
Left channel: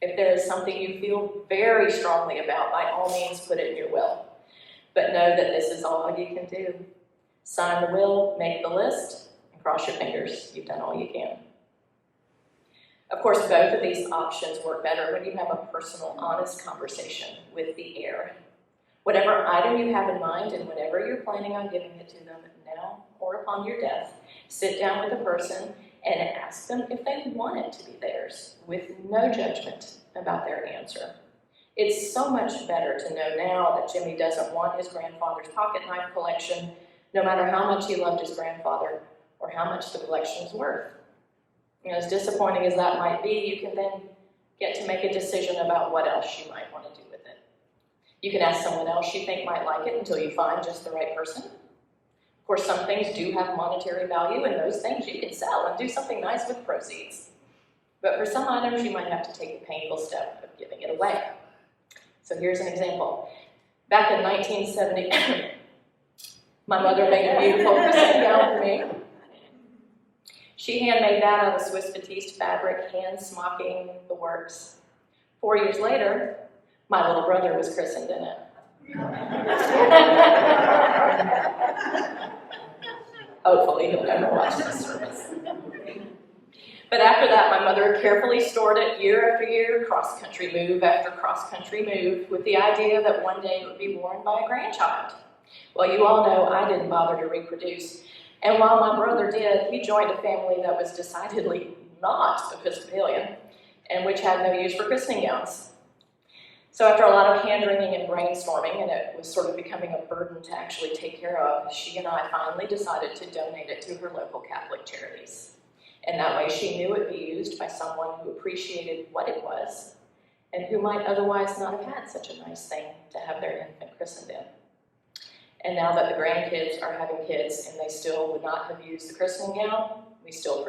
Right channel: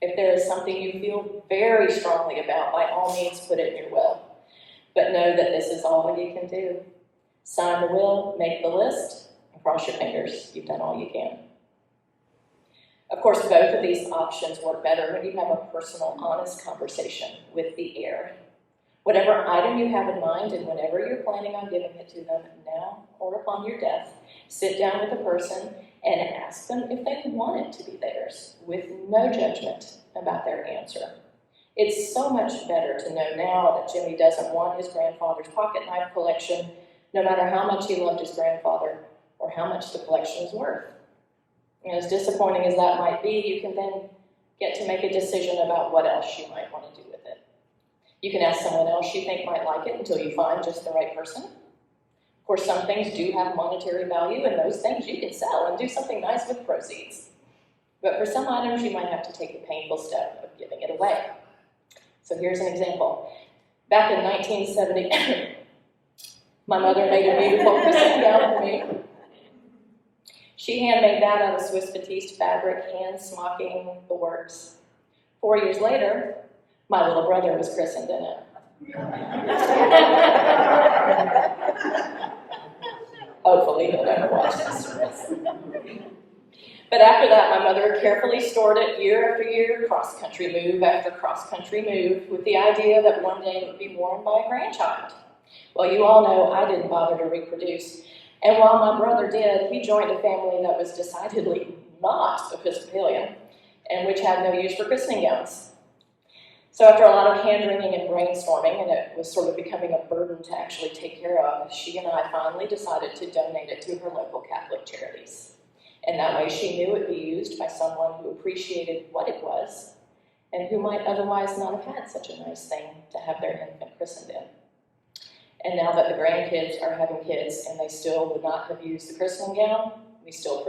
If there is something you feel very strongly about, by all means put it in your will. But know that this is all you can do. Sign the will, make the list, and cross your fingers. You've done all you can. Of course, both of these options work better when you have a personal, honest conversation with the heir. Whatever item you have in mind, and whenever you're planning on giving it to them, now or upon your death, sit down with the person and ask them if they want it to be theirs, with no judgment about their answer. It's so much better to know now that Jimmy doesn't want his grandfather's pocket knife collection, no matter how much he loved his grandfather or how much the collection is worth. And as disappointing as that might be, you can then get to make a decision about what else you might want to do with it. You can ask someone else you think might like it until you find just the right person. Of course, some things do have monetary value, and those things you can sell and do something nice with proceeds. But for some items, you might have to take the painful step of giving it away. So here's an example. Back in 1970, my mother made a beautiful christening gown for me. She handmade that out of Swiss batiste fabric, hand smocking, the works. 4 years later, my little brother was christened in it. Hopefully he'll never watch this service. But after that, my mother carefully stored it year after year, cross-country move after cross-country move, with the idea that one day it would be worn by a grandchild. Well, you all know I didn't bother to reproduce, And while my brother did, he joined a family that was decidedly not Episcopalian, and which had no use for christening gowns. So after a lot of hand-wringing and brainstorming, and it was sort of becoming a burden to actually take care of, she and I finally decided to donate it to her local Catholic charities. And that way she knew it would be used by someone who appreciated what it was, and who might otherwise not have had such a nice thing to have their infant christened in. And now that the grandkids are having kids and they still would not have used the christening gown, we still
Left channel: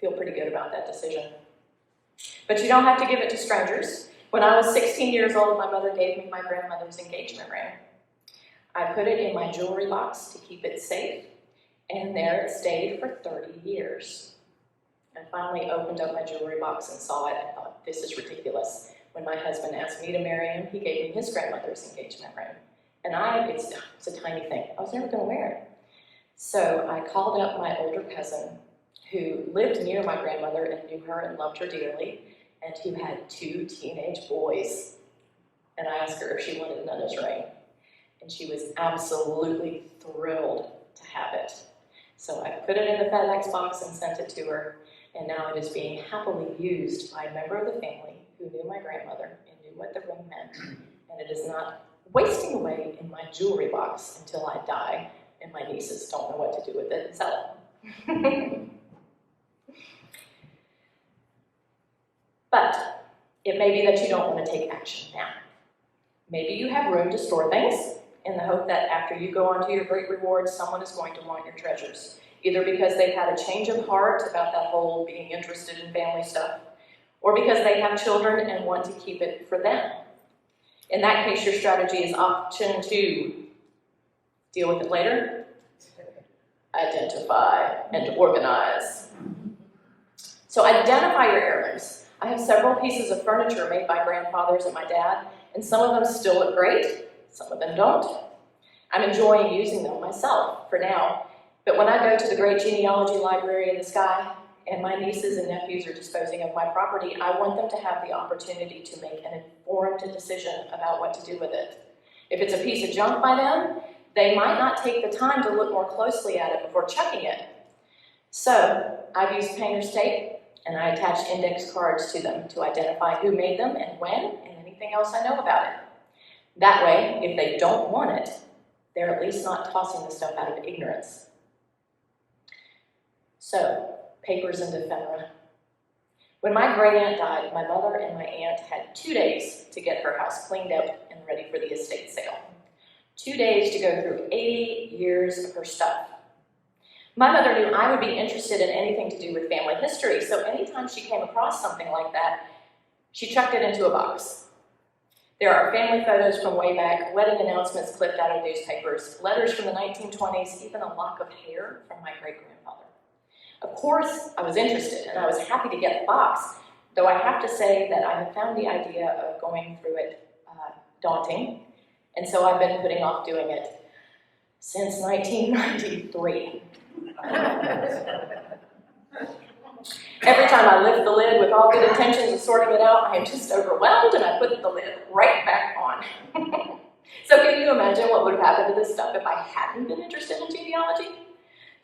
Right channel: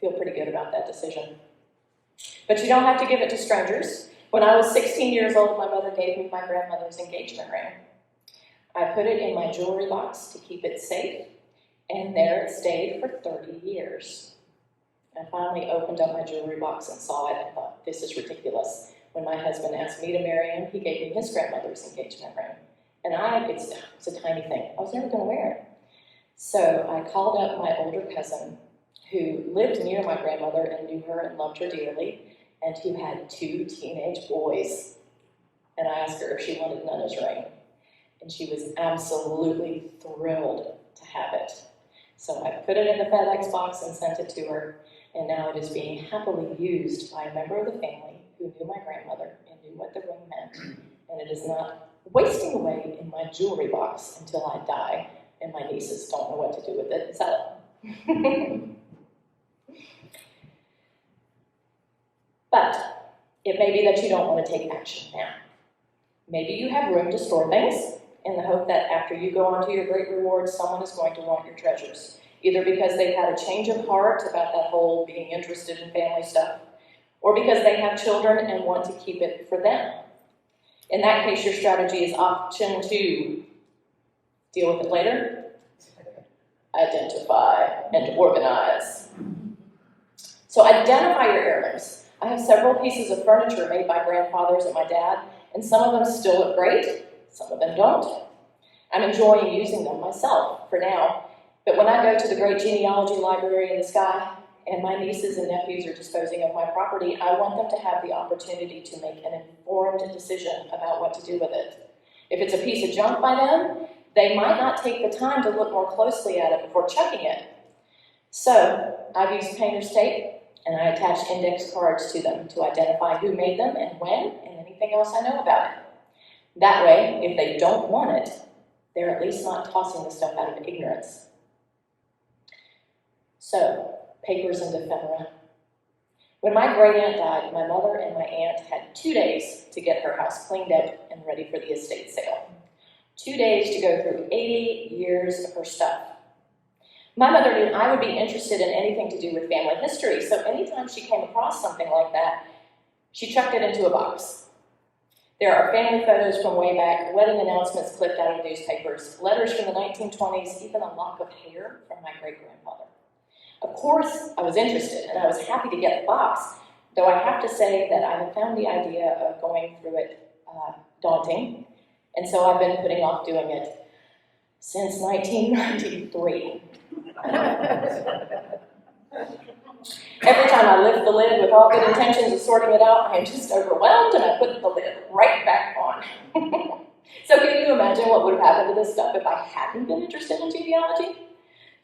feel pretty good about that decision. But you don't have to give it to strangers. When I was 16 years old, my mother gave me my grandmother's engagement ring. I put it in my jewelry box to keep it safe, and there it stayed for 30 years. I finally opened up my jewelry box and saw it and thought, this is ridiculous. When my husband asked me to marry him, he gave me his grandmother's engagement ring. And it's a tiny thing. I was never going to wear it. So I called up my older cousin, who lived near my grandmother and knew her and loved her dearly, and who had 2 teenage boys. And I asked her if she wanted Nana's ring. And she was absolutely thrilled to have it. So I put it in the FedEx box and sent it to her, and now it is being happily used by a member of the family who knew my grandmother and knew what the ring meant. And it is not wasting away in my jewelry box until I die, and my nieces don't know what to do with it and sell it. But it may be that you don't want to take action now. Maybe you have room to store things in the hope that after you go on to your great reward, someone is going to want your treasures, either because they've had a change of heart about that whole being interested in family stuff, or because they have children and want to keep it for them. In that case, your strategy is option 2. Deal with it later. Identify and organize. So identify your heirlooms. I have several pieces of furniture made by grandfathers and my dad, and some of them still look great, some of them don't. I'm enjoying using them myself for now, but when I go to the great genealogy library in the sky, and my nieces and nephews are disposing of my property, I want them to have the opportunity to make an informed decision about what to do with it. If it's a piece of junk by them, they might not take the time to look more closely at it before chucking it. So I've used painter's tape, and I attach index cards to them to identify who made them and when, and anything else I know about it. That way, if they don't want it, they're at least not tossing the stuff out of ignorance. So, papers and ephemera. When my great aunt died, my mother and my aunt had 2 days to get her house cleaned up and ready for the estate sale. 2 days to go through 80 years of her stuff. My mother knew I would be interested in anything to do with family history, so anytime she came across something like that, she chucked it into a box. There are family photos from way back, wedding announcements clipped out of newspapers, letters from the 1920s, even a lock of hair from my great-grandfather. Of course, I was interested, and I was happy to get the box, though I have to say that I have found the idea of going through it daunting, and so I've been putting off doing it since 1993. Every time I lift the lid with all good intentions of sorting it out, I am just overwhelmed, and I put the lid right back on. So can you imagine what would have happened to this stuff if I hadn't been interested in genealogy?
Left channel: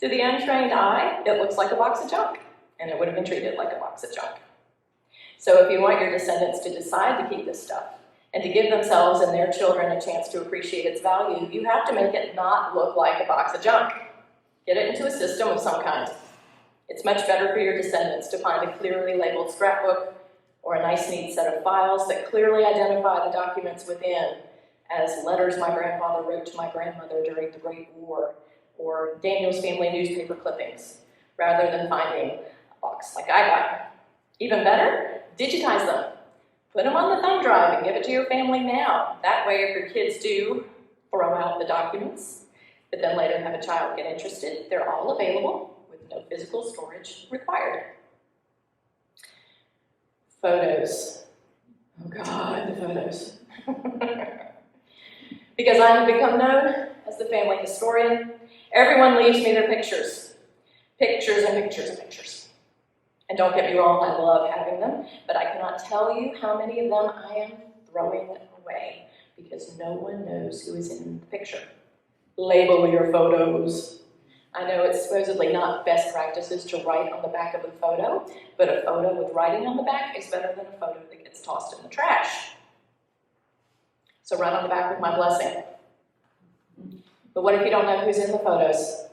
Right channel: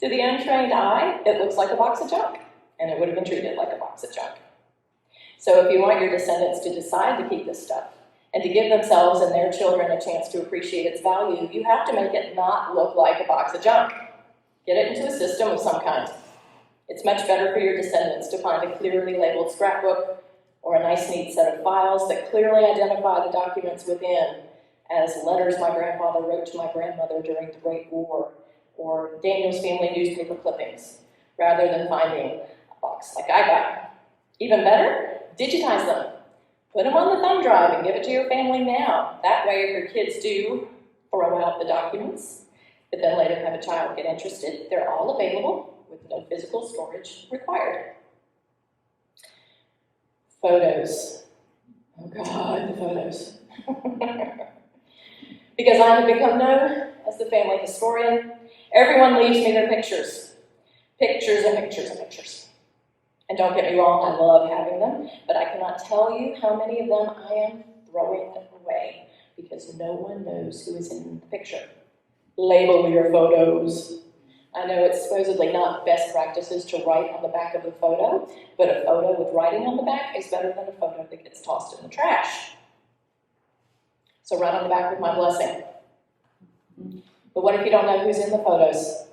To the untrained eye, it looks like a box of junk, and it would have been treated like a box of junk. So if you want your descendants to decide to keep this stuff, and to give themselves and their children a chance to appreciate its value, you have to make it not look like a box of junk. Get it into a system of some kind. It's much better for your descendants to find a clearly labeled scrapbook or a nice neat set of files that clearly identify the documents within as letters my grandfather wrote to my grandmother during the Great War or Daniel's family newspaper clippings, rather than finding a box like I got. Even better, digitize them. Put them on the thumb drive and give it to your family now. That way, if your kids do throw out the documents, but then later have a child get interested, they're all available with no physical storage required. Photos. Oh God, the photos. Because I have become known as the family historian, everyone leaves me their pictures. Pictures and pictures and pictures. And don't get me wrong, I love having them, but I cannot tell you how many of them I am throwing away because no one knows who is in the picture. Label your photos. I know it's supposedly not best practices to write on the back of a photo, but a photo with writing on the back is better than a photo that gets tossed in the trash. So write on the back with my blessing. But what if you don't know who's in the photos?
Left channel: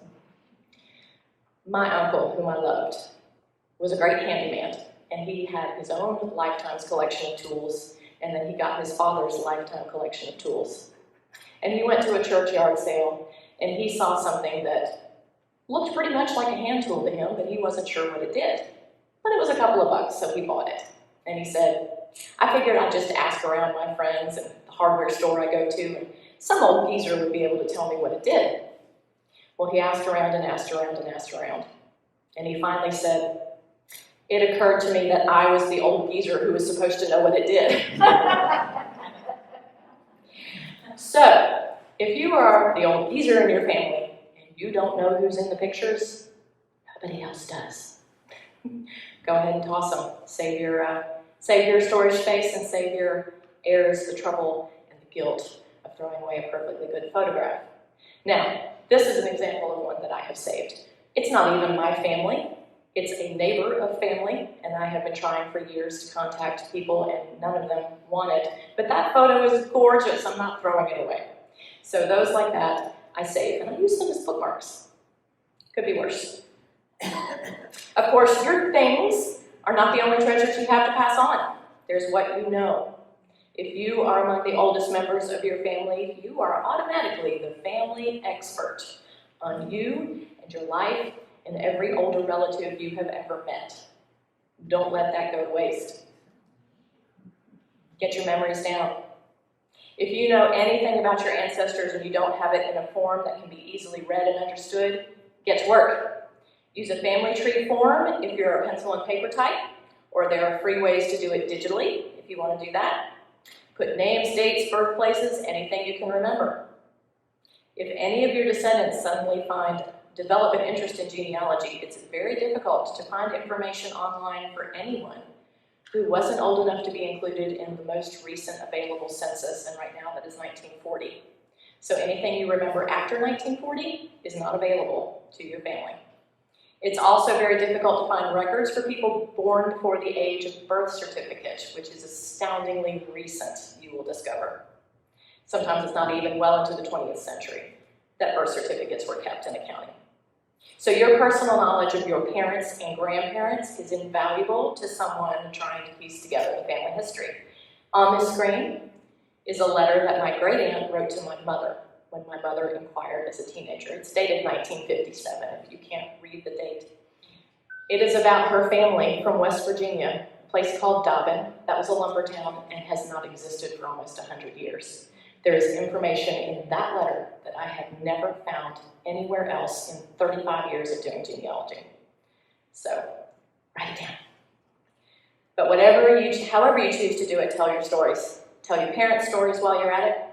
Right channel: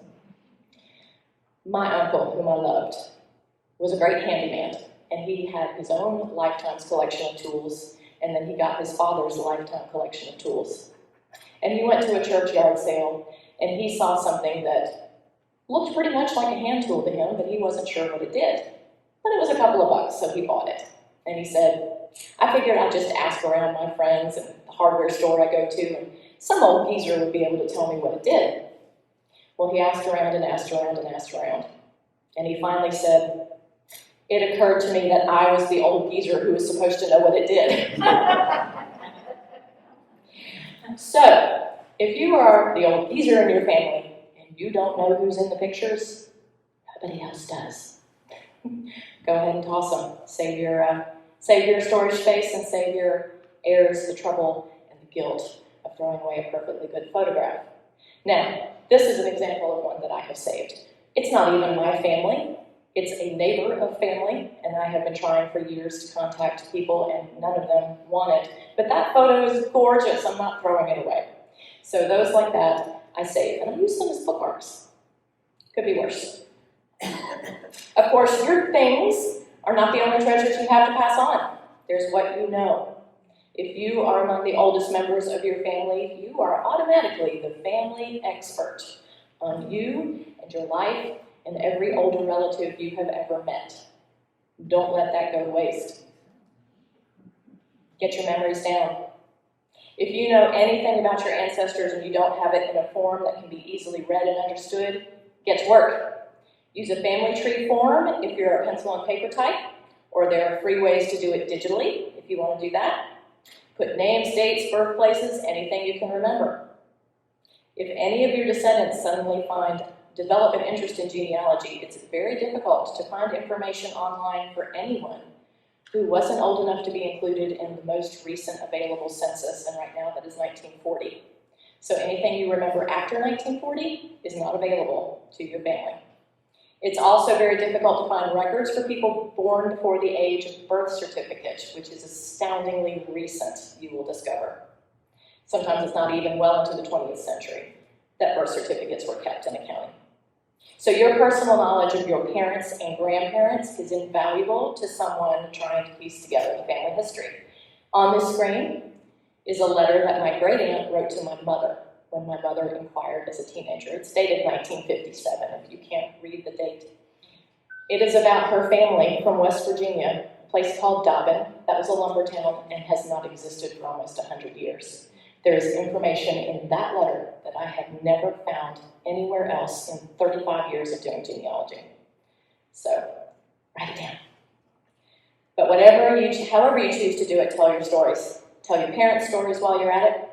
My uncle, whom I loved, was a great handyman, and he had his own lifetime's collection of tools, and then he got his father's lifetime collection of tools. And he went to a churchyard sale, and he saw something that looked pretty much like a hand tool to him, but he wasn't sure what it did. But it was a couple of bucks, so he bought it. And he said, I figured I'd just ask around my friends and the hardware store I go to, and some old geezer would be able to tell me what it did. Well, he asked around and asked around and asked around. And he finally said, it occurred to me that I was the old geezer who was supposed to know what it did. So, if you are the old geezer in your family and you don't know who's in the pictures, nobody else does. Go ahead and toss them. Save your storage space and save your heirs the trouble and the guilt of throwing away a perfectly good photograph. Now, this is an example of one that I have saved. It's not even my family. It's a neighbor of family, and I have been trying for years to contact people, and none of them want it. But that photo is gorgeous. I'm not throwing it away. So those like that, I save, and I use them as bookmarks. Could be worse. Of course, your things are not the only treasures you have to pass on. There's what you know. If you are among the oldest members of your family, you are automatically the family expert on you and your life and every older relative you have ever met. Don't let that go to waste. Get your memories down. If you know anything about your ancestors and you don't have it in a form that can be easily read and understood, get to work. Use a family tree form if you're a pencil and paper type, or there are free ways to do it digitally if you want to do that. Put names, dates, birthplaces, anything you can remember. If any of your descendants suddenly develop an interest in genealogy, it's very difficult to find information online for anyone who wasn't old enough to be included in the most recent available census, and right now that is 1940. So anything you remember after 1940 is not available to your family. It's also very difficult to find records for people born before the age of birth certificate, which is astoundingly recent, you will discover. Sometimes it's not even well into the 20th century that birth certificates were kept in a county. So your personal knowledge of your parents and grandparents is invaluable to someone trying to piece together the family history. On this screen is a letter that my great aunt wrote to my mother when my mother inquired as a teenager. It's dated 1957, if you can't read the date. It is about her family from West Virginia, a place called Dobbin. That was a lumber town and has not existed for almost 100 years. There is information in that letter that I have never found anywhere else in 35 years of doing genealogy. So, write it down. But however you choose to do it, tell your stories. Tell your parents' stories while you're at it.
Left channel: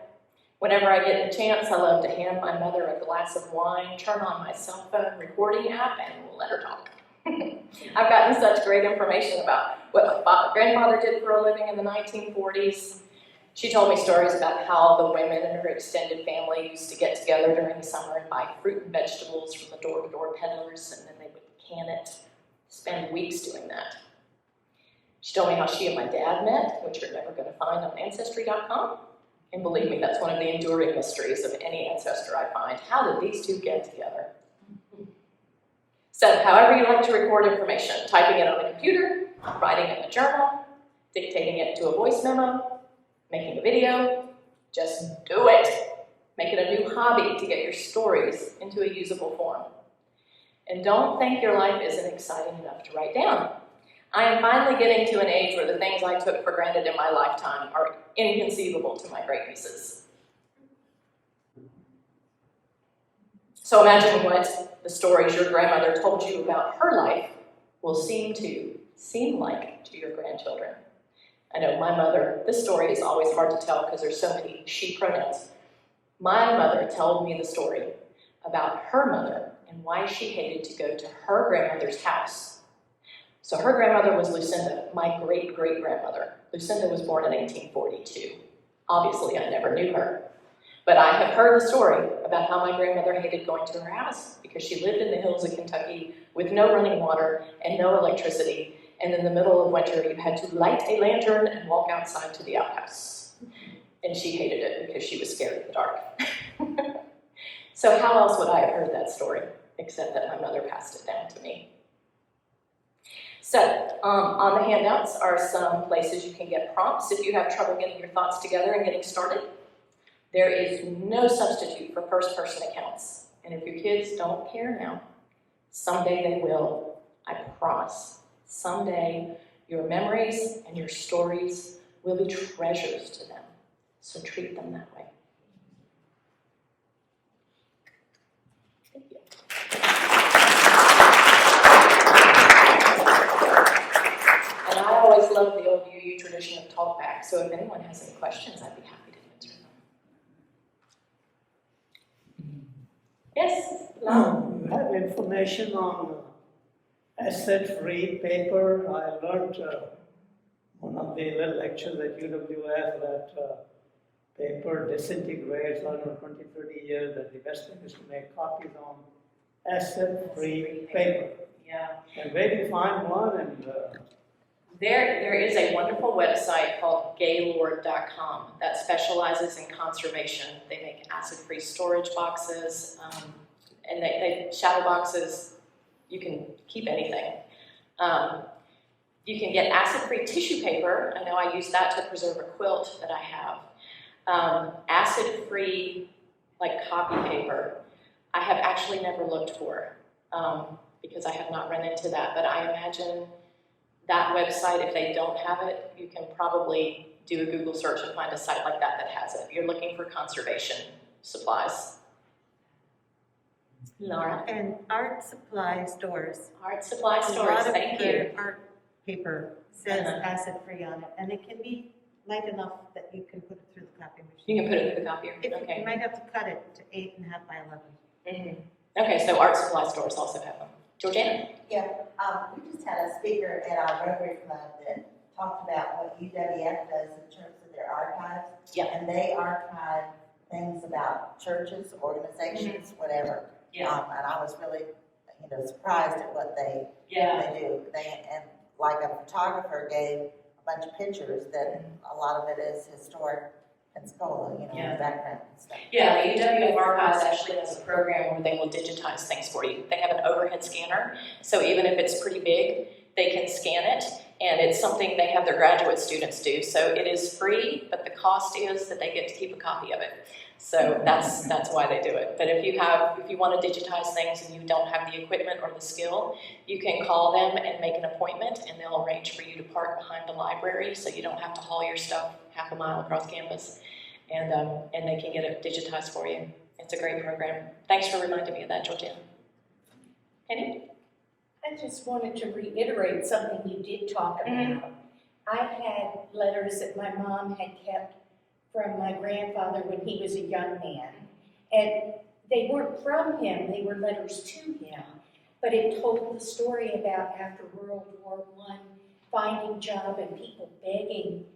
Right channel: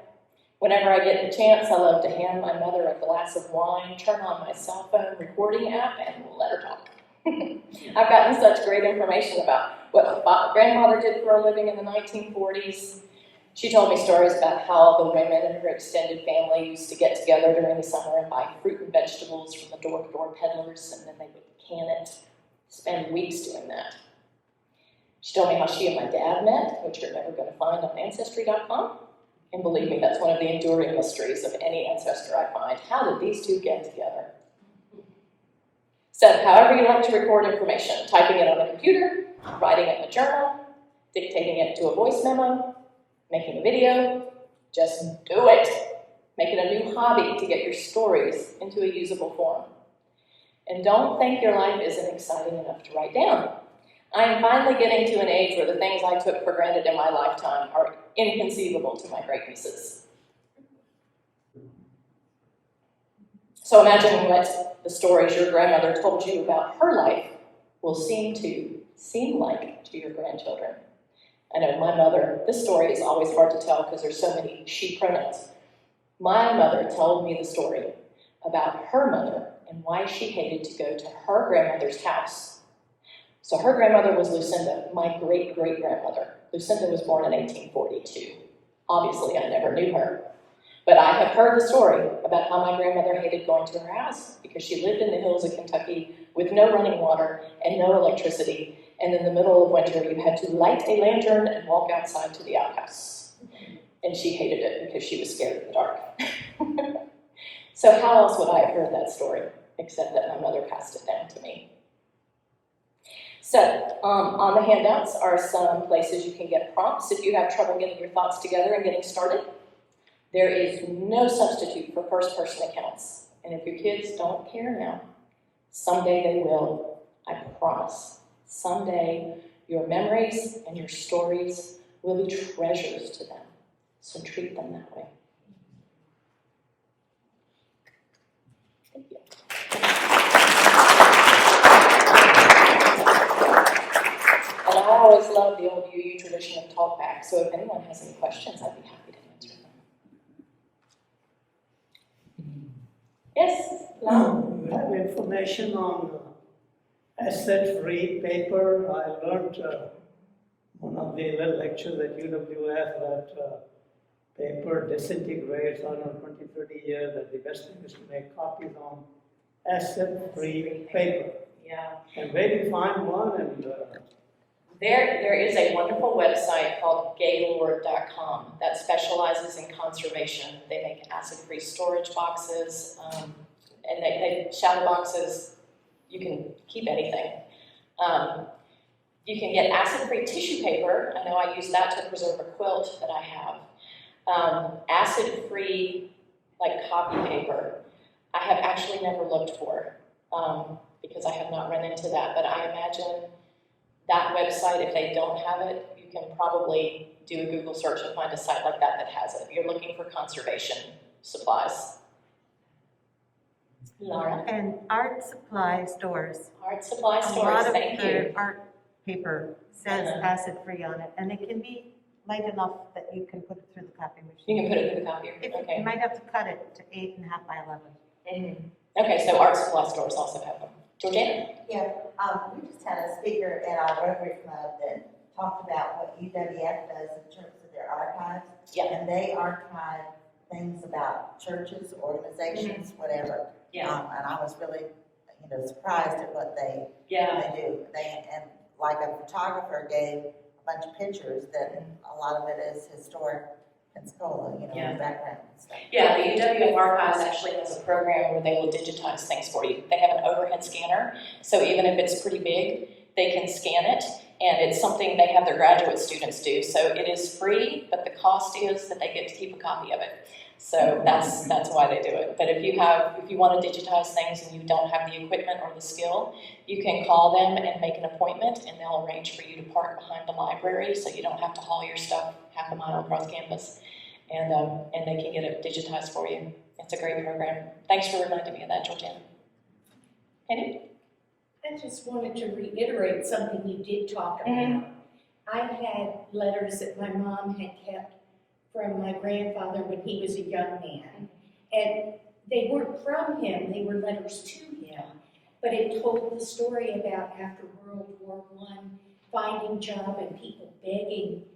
Whenever I get the chance, I love to hand my mother a glass of wine, turn on my cell phone recording app, and let her talk. I've gotten such great information about what my grandfather did for a living in the 1940s. She told me stories about how the women in her extended family used to get together during the summer and buy fruit and vegetables from the door-to-door peddlers, and then they would can it, spend weeks doing that. She told me how she and my dad met, which you're never going to find on Ancestry.com. And believe me, that's one of the enduring mysteries of any ancestor I find. How did these two get together? So, however you like to record information, typing it on the computer, writing it in a journal, dictating it to a voice memo, making a video, just do it. Make it a new hobby to get your stories into a usable form. And don't think your life isn't exciting enough to write down. I am finally getting to an age where the things I took for granted in my lifetime are inconceivable to my great nieces. So imagine what the stories your grandmother told you about her life will seem like to your grandchildren. I know my mother, this story is always hard to tell because there's so many she pronouns. My mother told me the story about her mother and why she hated to go to her grandmother's house. So her grandmother was Lucinda, my great-great-grandmother. Lucinda was born in 1842. Obviously, I never knew her. But I have heard the story about how my grandmother hated going to her house because she lived in the hills of Kentucky with no running water and no electricity. And in the middle of winter, you had to light a lantern and walk outside to the outhouse. And she hated it because she was scared of the dark. So how else would I have heard that story, except that my mother passed it down to me? So on the handouts are some places you can get prompts if you have trouble getting your thoughts together and getting started. There is no substitute for first-person accounts. And if your kids don't care now, someday they will, I promise. Someday your memories and your stories will be treasures to them. So treat them that way. Thank you. And I always love the old UU tradition of talk back, so if anyone has any questions, I'd be happy to answer them. Yes? I have information on asset-free paper. I learned one of the little lectures at UWF that paper disintegrates after 20, 30 years, that the best thing is to make copies on asset-free paper. Yeah. And where do you find one? And There is a wonderful website called gaylord.com that specializes in conservation. They make acid-free storage boxes, and they shadow boxes. You can keep anything. You can get acid-free tissue paper. I know I use that to preserve a quilt that I have. Acid-free, like copy paper, I have actually never looked for because I have not run into that. But I imagine that website, if they don't have it, you can probably do a Google search and find a site like that that has it. If you're looking for conservation supplies. Laura? And art supply stores. Art supply A stores, lot of thank their you. art paper says Uh-huh. acid-free on it, and it can be light enough that you can put it through the copy machine. You can put it in the copier, You okay. might have to cut it to 8.5 by 11. Okay, so art supply stores also have them. Georgiana? Yeah, we just had a speaker at our Rotary Club that talked about what UWF does in terms of their archives. Yeah. And they archive things about churches, organizations, whatever. And I was really, surprised at what they do. And like a photographer gave a bunch of pictures that a lot of it is historic Pensacola, the background and stuff. Yeah, the UWF Archives actually has a program where they will digitize things for you. They have an overhead scanner, so even if it's pretty big, they can scan it, and it's something they have their graduate students do. So it is free, but the cost is that they get to keep a copy of it. So that's why they do it. But if you want to digitize things and you don't have the equipment or the skill, you can call them and make an appointment, and they'll arrange for you to park behind the library so you don't have to haul your stuff half a mile across campus. And they can get it digitized for you. It's a great program. Thanks for reminding me of that, Georgiana. Penny? I just wanted to reiterate something you did talk about. I had letters that my mom had kept from my grandfather when he was a young man. And they weren't from him, they were letters to him. But it told the story about after World War I, finding job and people begging,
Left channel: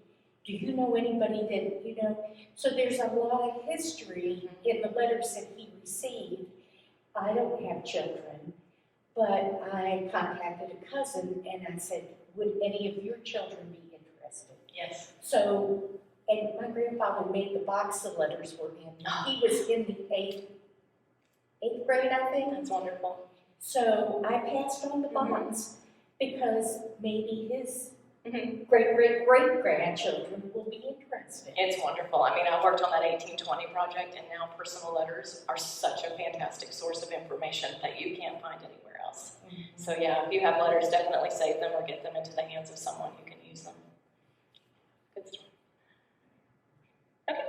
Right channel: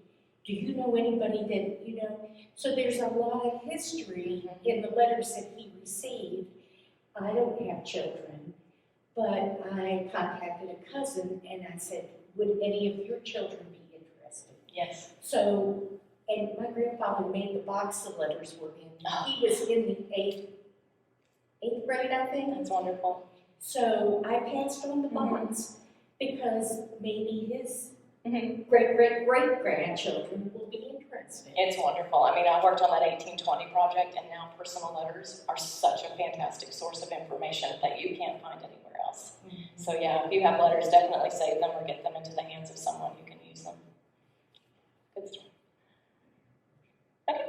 do you know anybody that, So there's a lot of history in the letters that he received. I don't have children, but I contacted a cousin and I said, would any of your children be interested? Yes. So, and my grandfather made the box the letters were in. He was in the eighth grade, I think. That's wonderful. So I passed on the box because maybe his great-great-great-grandchildren will be interested. It's wonderful. I mean, I worked on that 1820 project, and now personal letters are such a fantastic source of information that you can't find anywhere else. So yeah, if you have letters, definitely save them or get them into the hands of someone who can use them. Good stuff. Okay.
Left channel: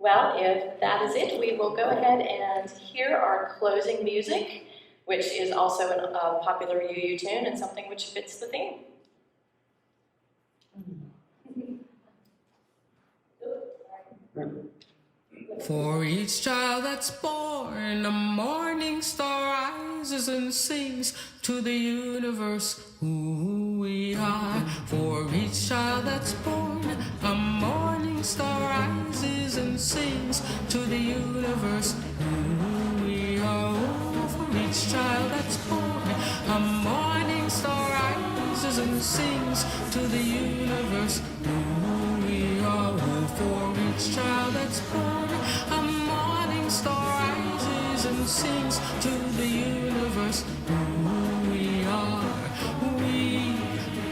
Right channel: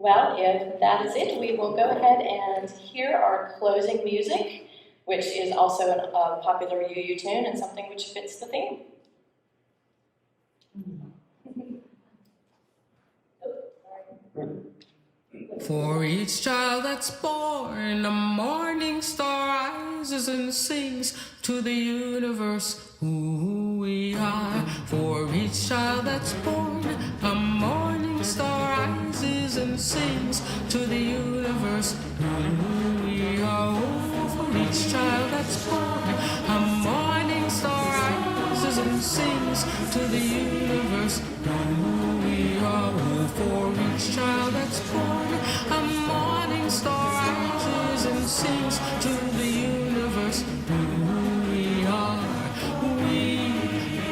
Well, if that is it, we will go ahead and hear our closing music, which is also a popular UU tune and something which fits the theme. For each child that's born, a morning star rises and sings to the universe who we are. For each child that's born, a morning star rises and sings to the universe who we are. Oh, for each child that's born, a morning star rises and sings to the universe who we are. Oh, for each child that's born, a morning star rises and sings to the universe who we are. We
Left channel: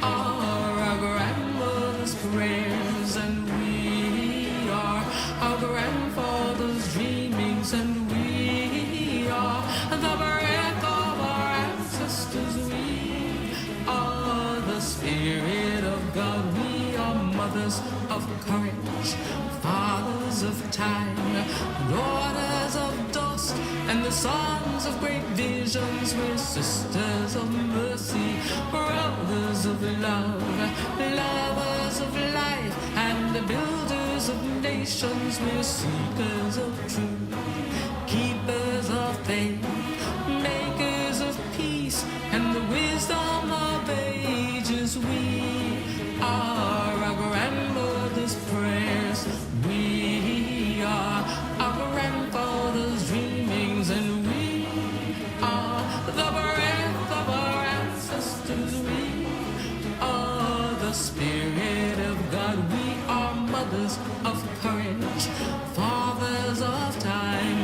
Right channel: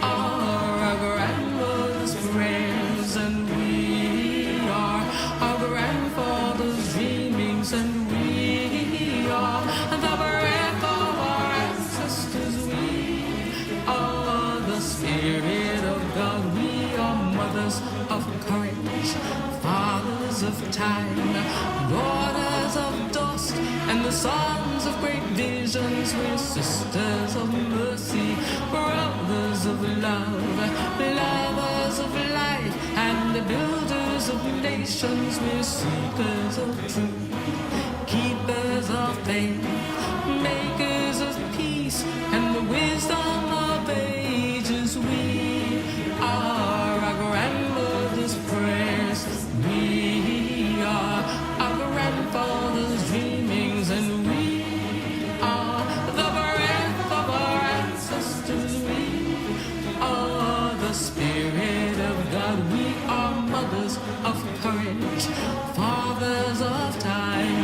are our grandmother's prayers, and we are our grandfather's dreamings, and we are the breath of our ancestors. We are the Spirit of God. We are mothers of courage, fathers of time, daughters of dust, and the sons of great visions. We're sisters of mercy, brothers of love, lovers of life, and the builders of nations. We're seekers of truth, keepers of faith, makers of peace, and the wisdom of ages. We are our grandmother's prayers. We are our grandfather's dreamings, and we are the breath of our ancestors. We are the Spirit of God. We are mothers of courage, fathers of time,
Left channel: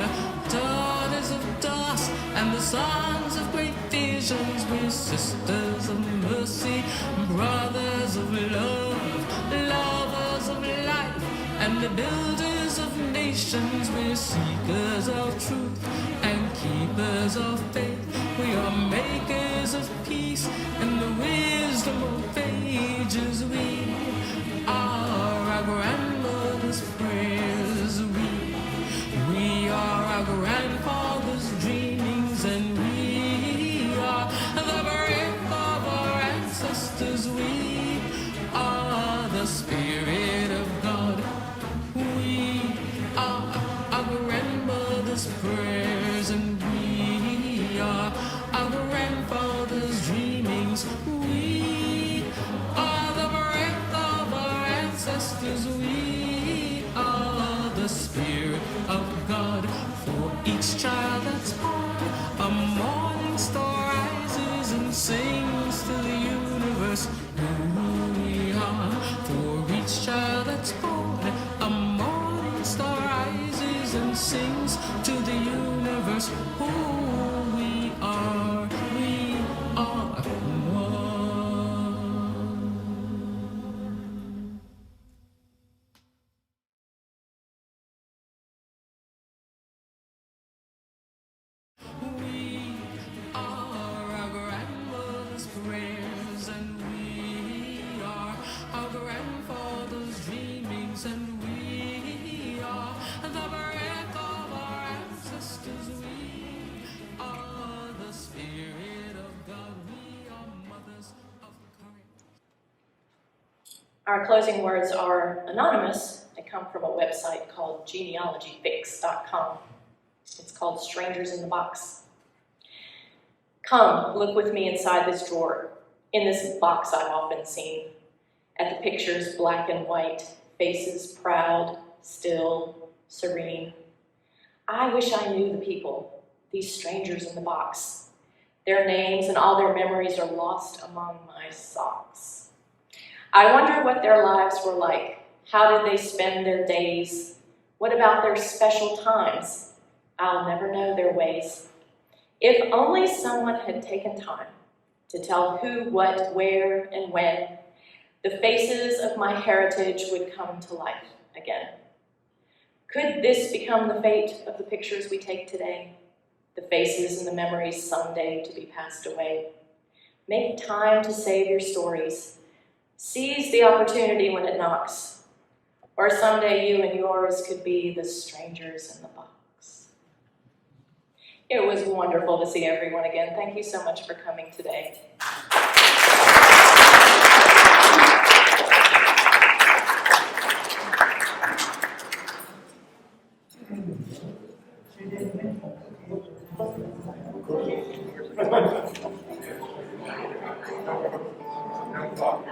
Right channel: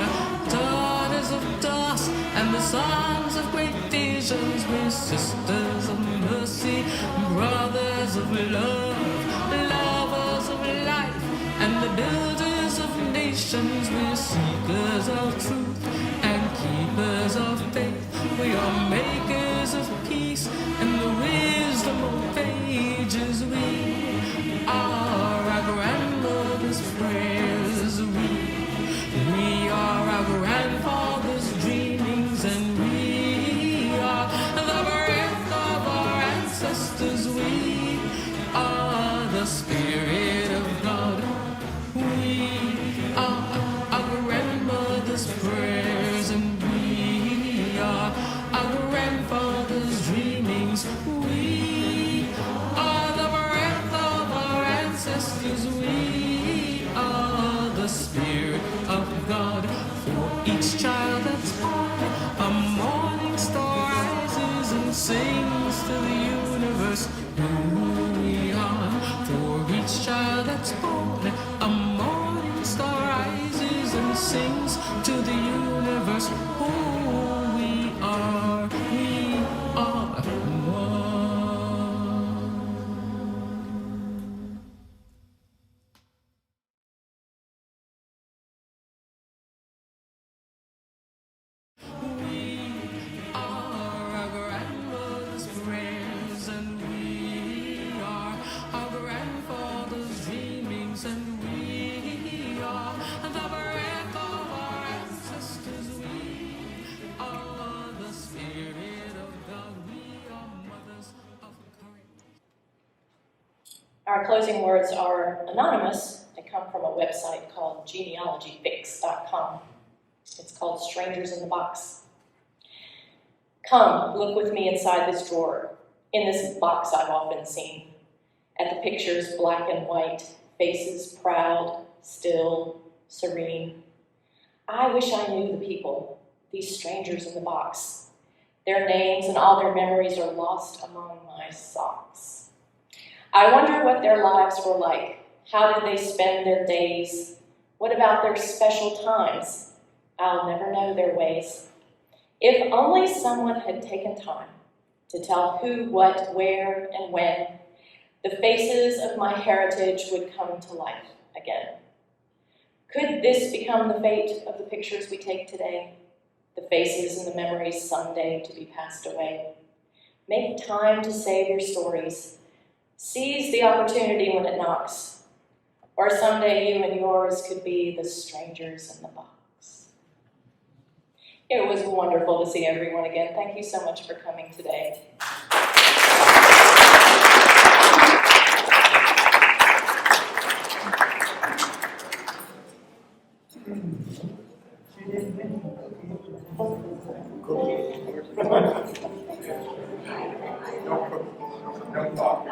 daughters of dust, and the sons of great visions. We're sisters of mercy, brothers of love, lovers of life, and the builders of nations. We're seekers of truth and keepers of faith. We are makers of peace and the wisdom of ages. We are our grandmother's prayers. We are our grandfather's dreamings, and we are the breath of our ancestors. We are the Spirit of God. We are our grandmother's prayers, and we are our grandfather's dreamings. We are the breath of our ancestors. We are the Spirit of God. For each child that's born, a morning star rises and sings to the universe who we are. For each child that's born, a morning star rises and sings to the universe who we are. We are one. We are our grandmother's prayers, and we are our grandfather's dreamings, and we are the breath of our ancestors. We are the Spirit of God. We are mothers of courage. Our closing words are anonymous. They come from a website called genealogyfix.com. It's called Strangers in the Box. Come, look with me inside this drawer. In this box I've often seen. At the pictures, black and white, faces proud, still, serene. I wish I knew the people, these strangers in the box. Their names and all their memories are lost among my socks. I wonder what their lives were like. How did they spend their days? What about their special times? I'll never know their ways. If only someone had taken time to tell who, what, where, and when, the faces of my heritage would come to life again. Could this become the fate of the pictures we take today? The faces and the memories someday to be passed away. Make time to save your stories. Seize the opportunity when it knocks. Or someday you and yours could be the strangers in the box. It was wonderful to see everyone again. Thank you so much for coming today. No thought.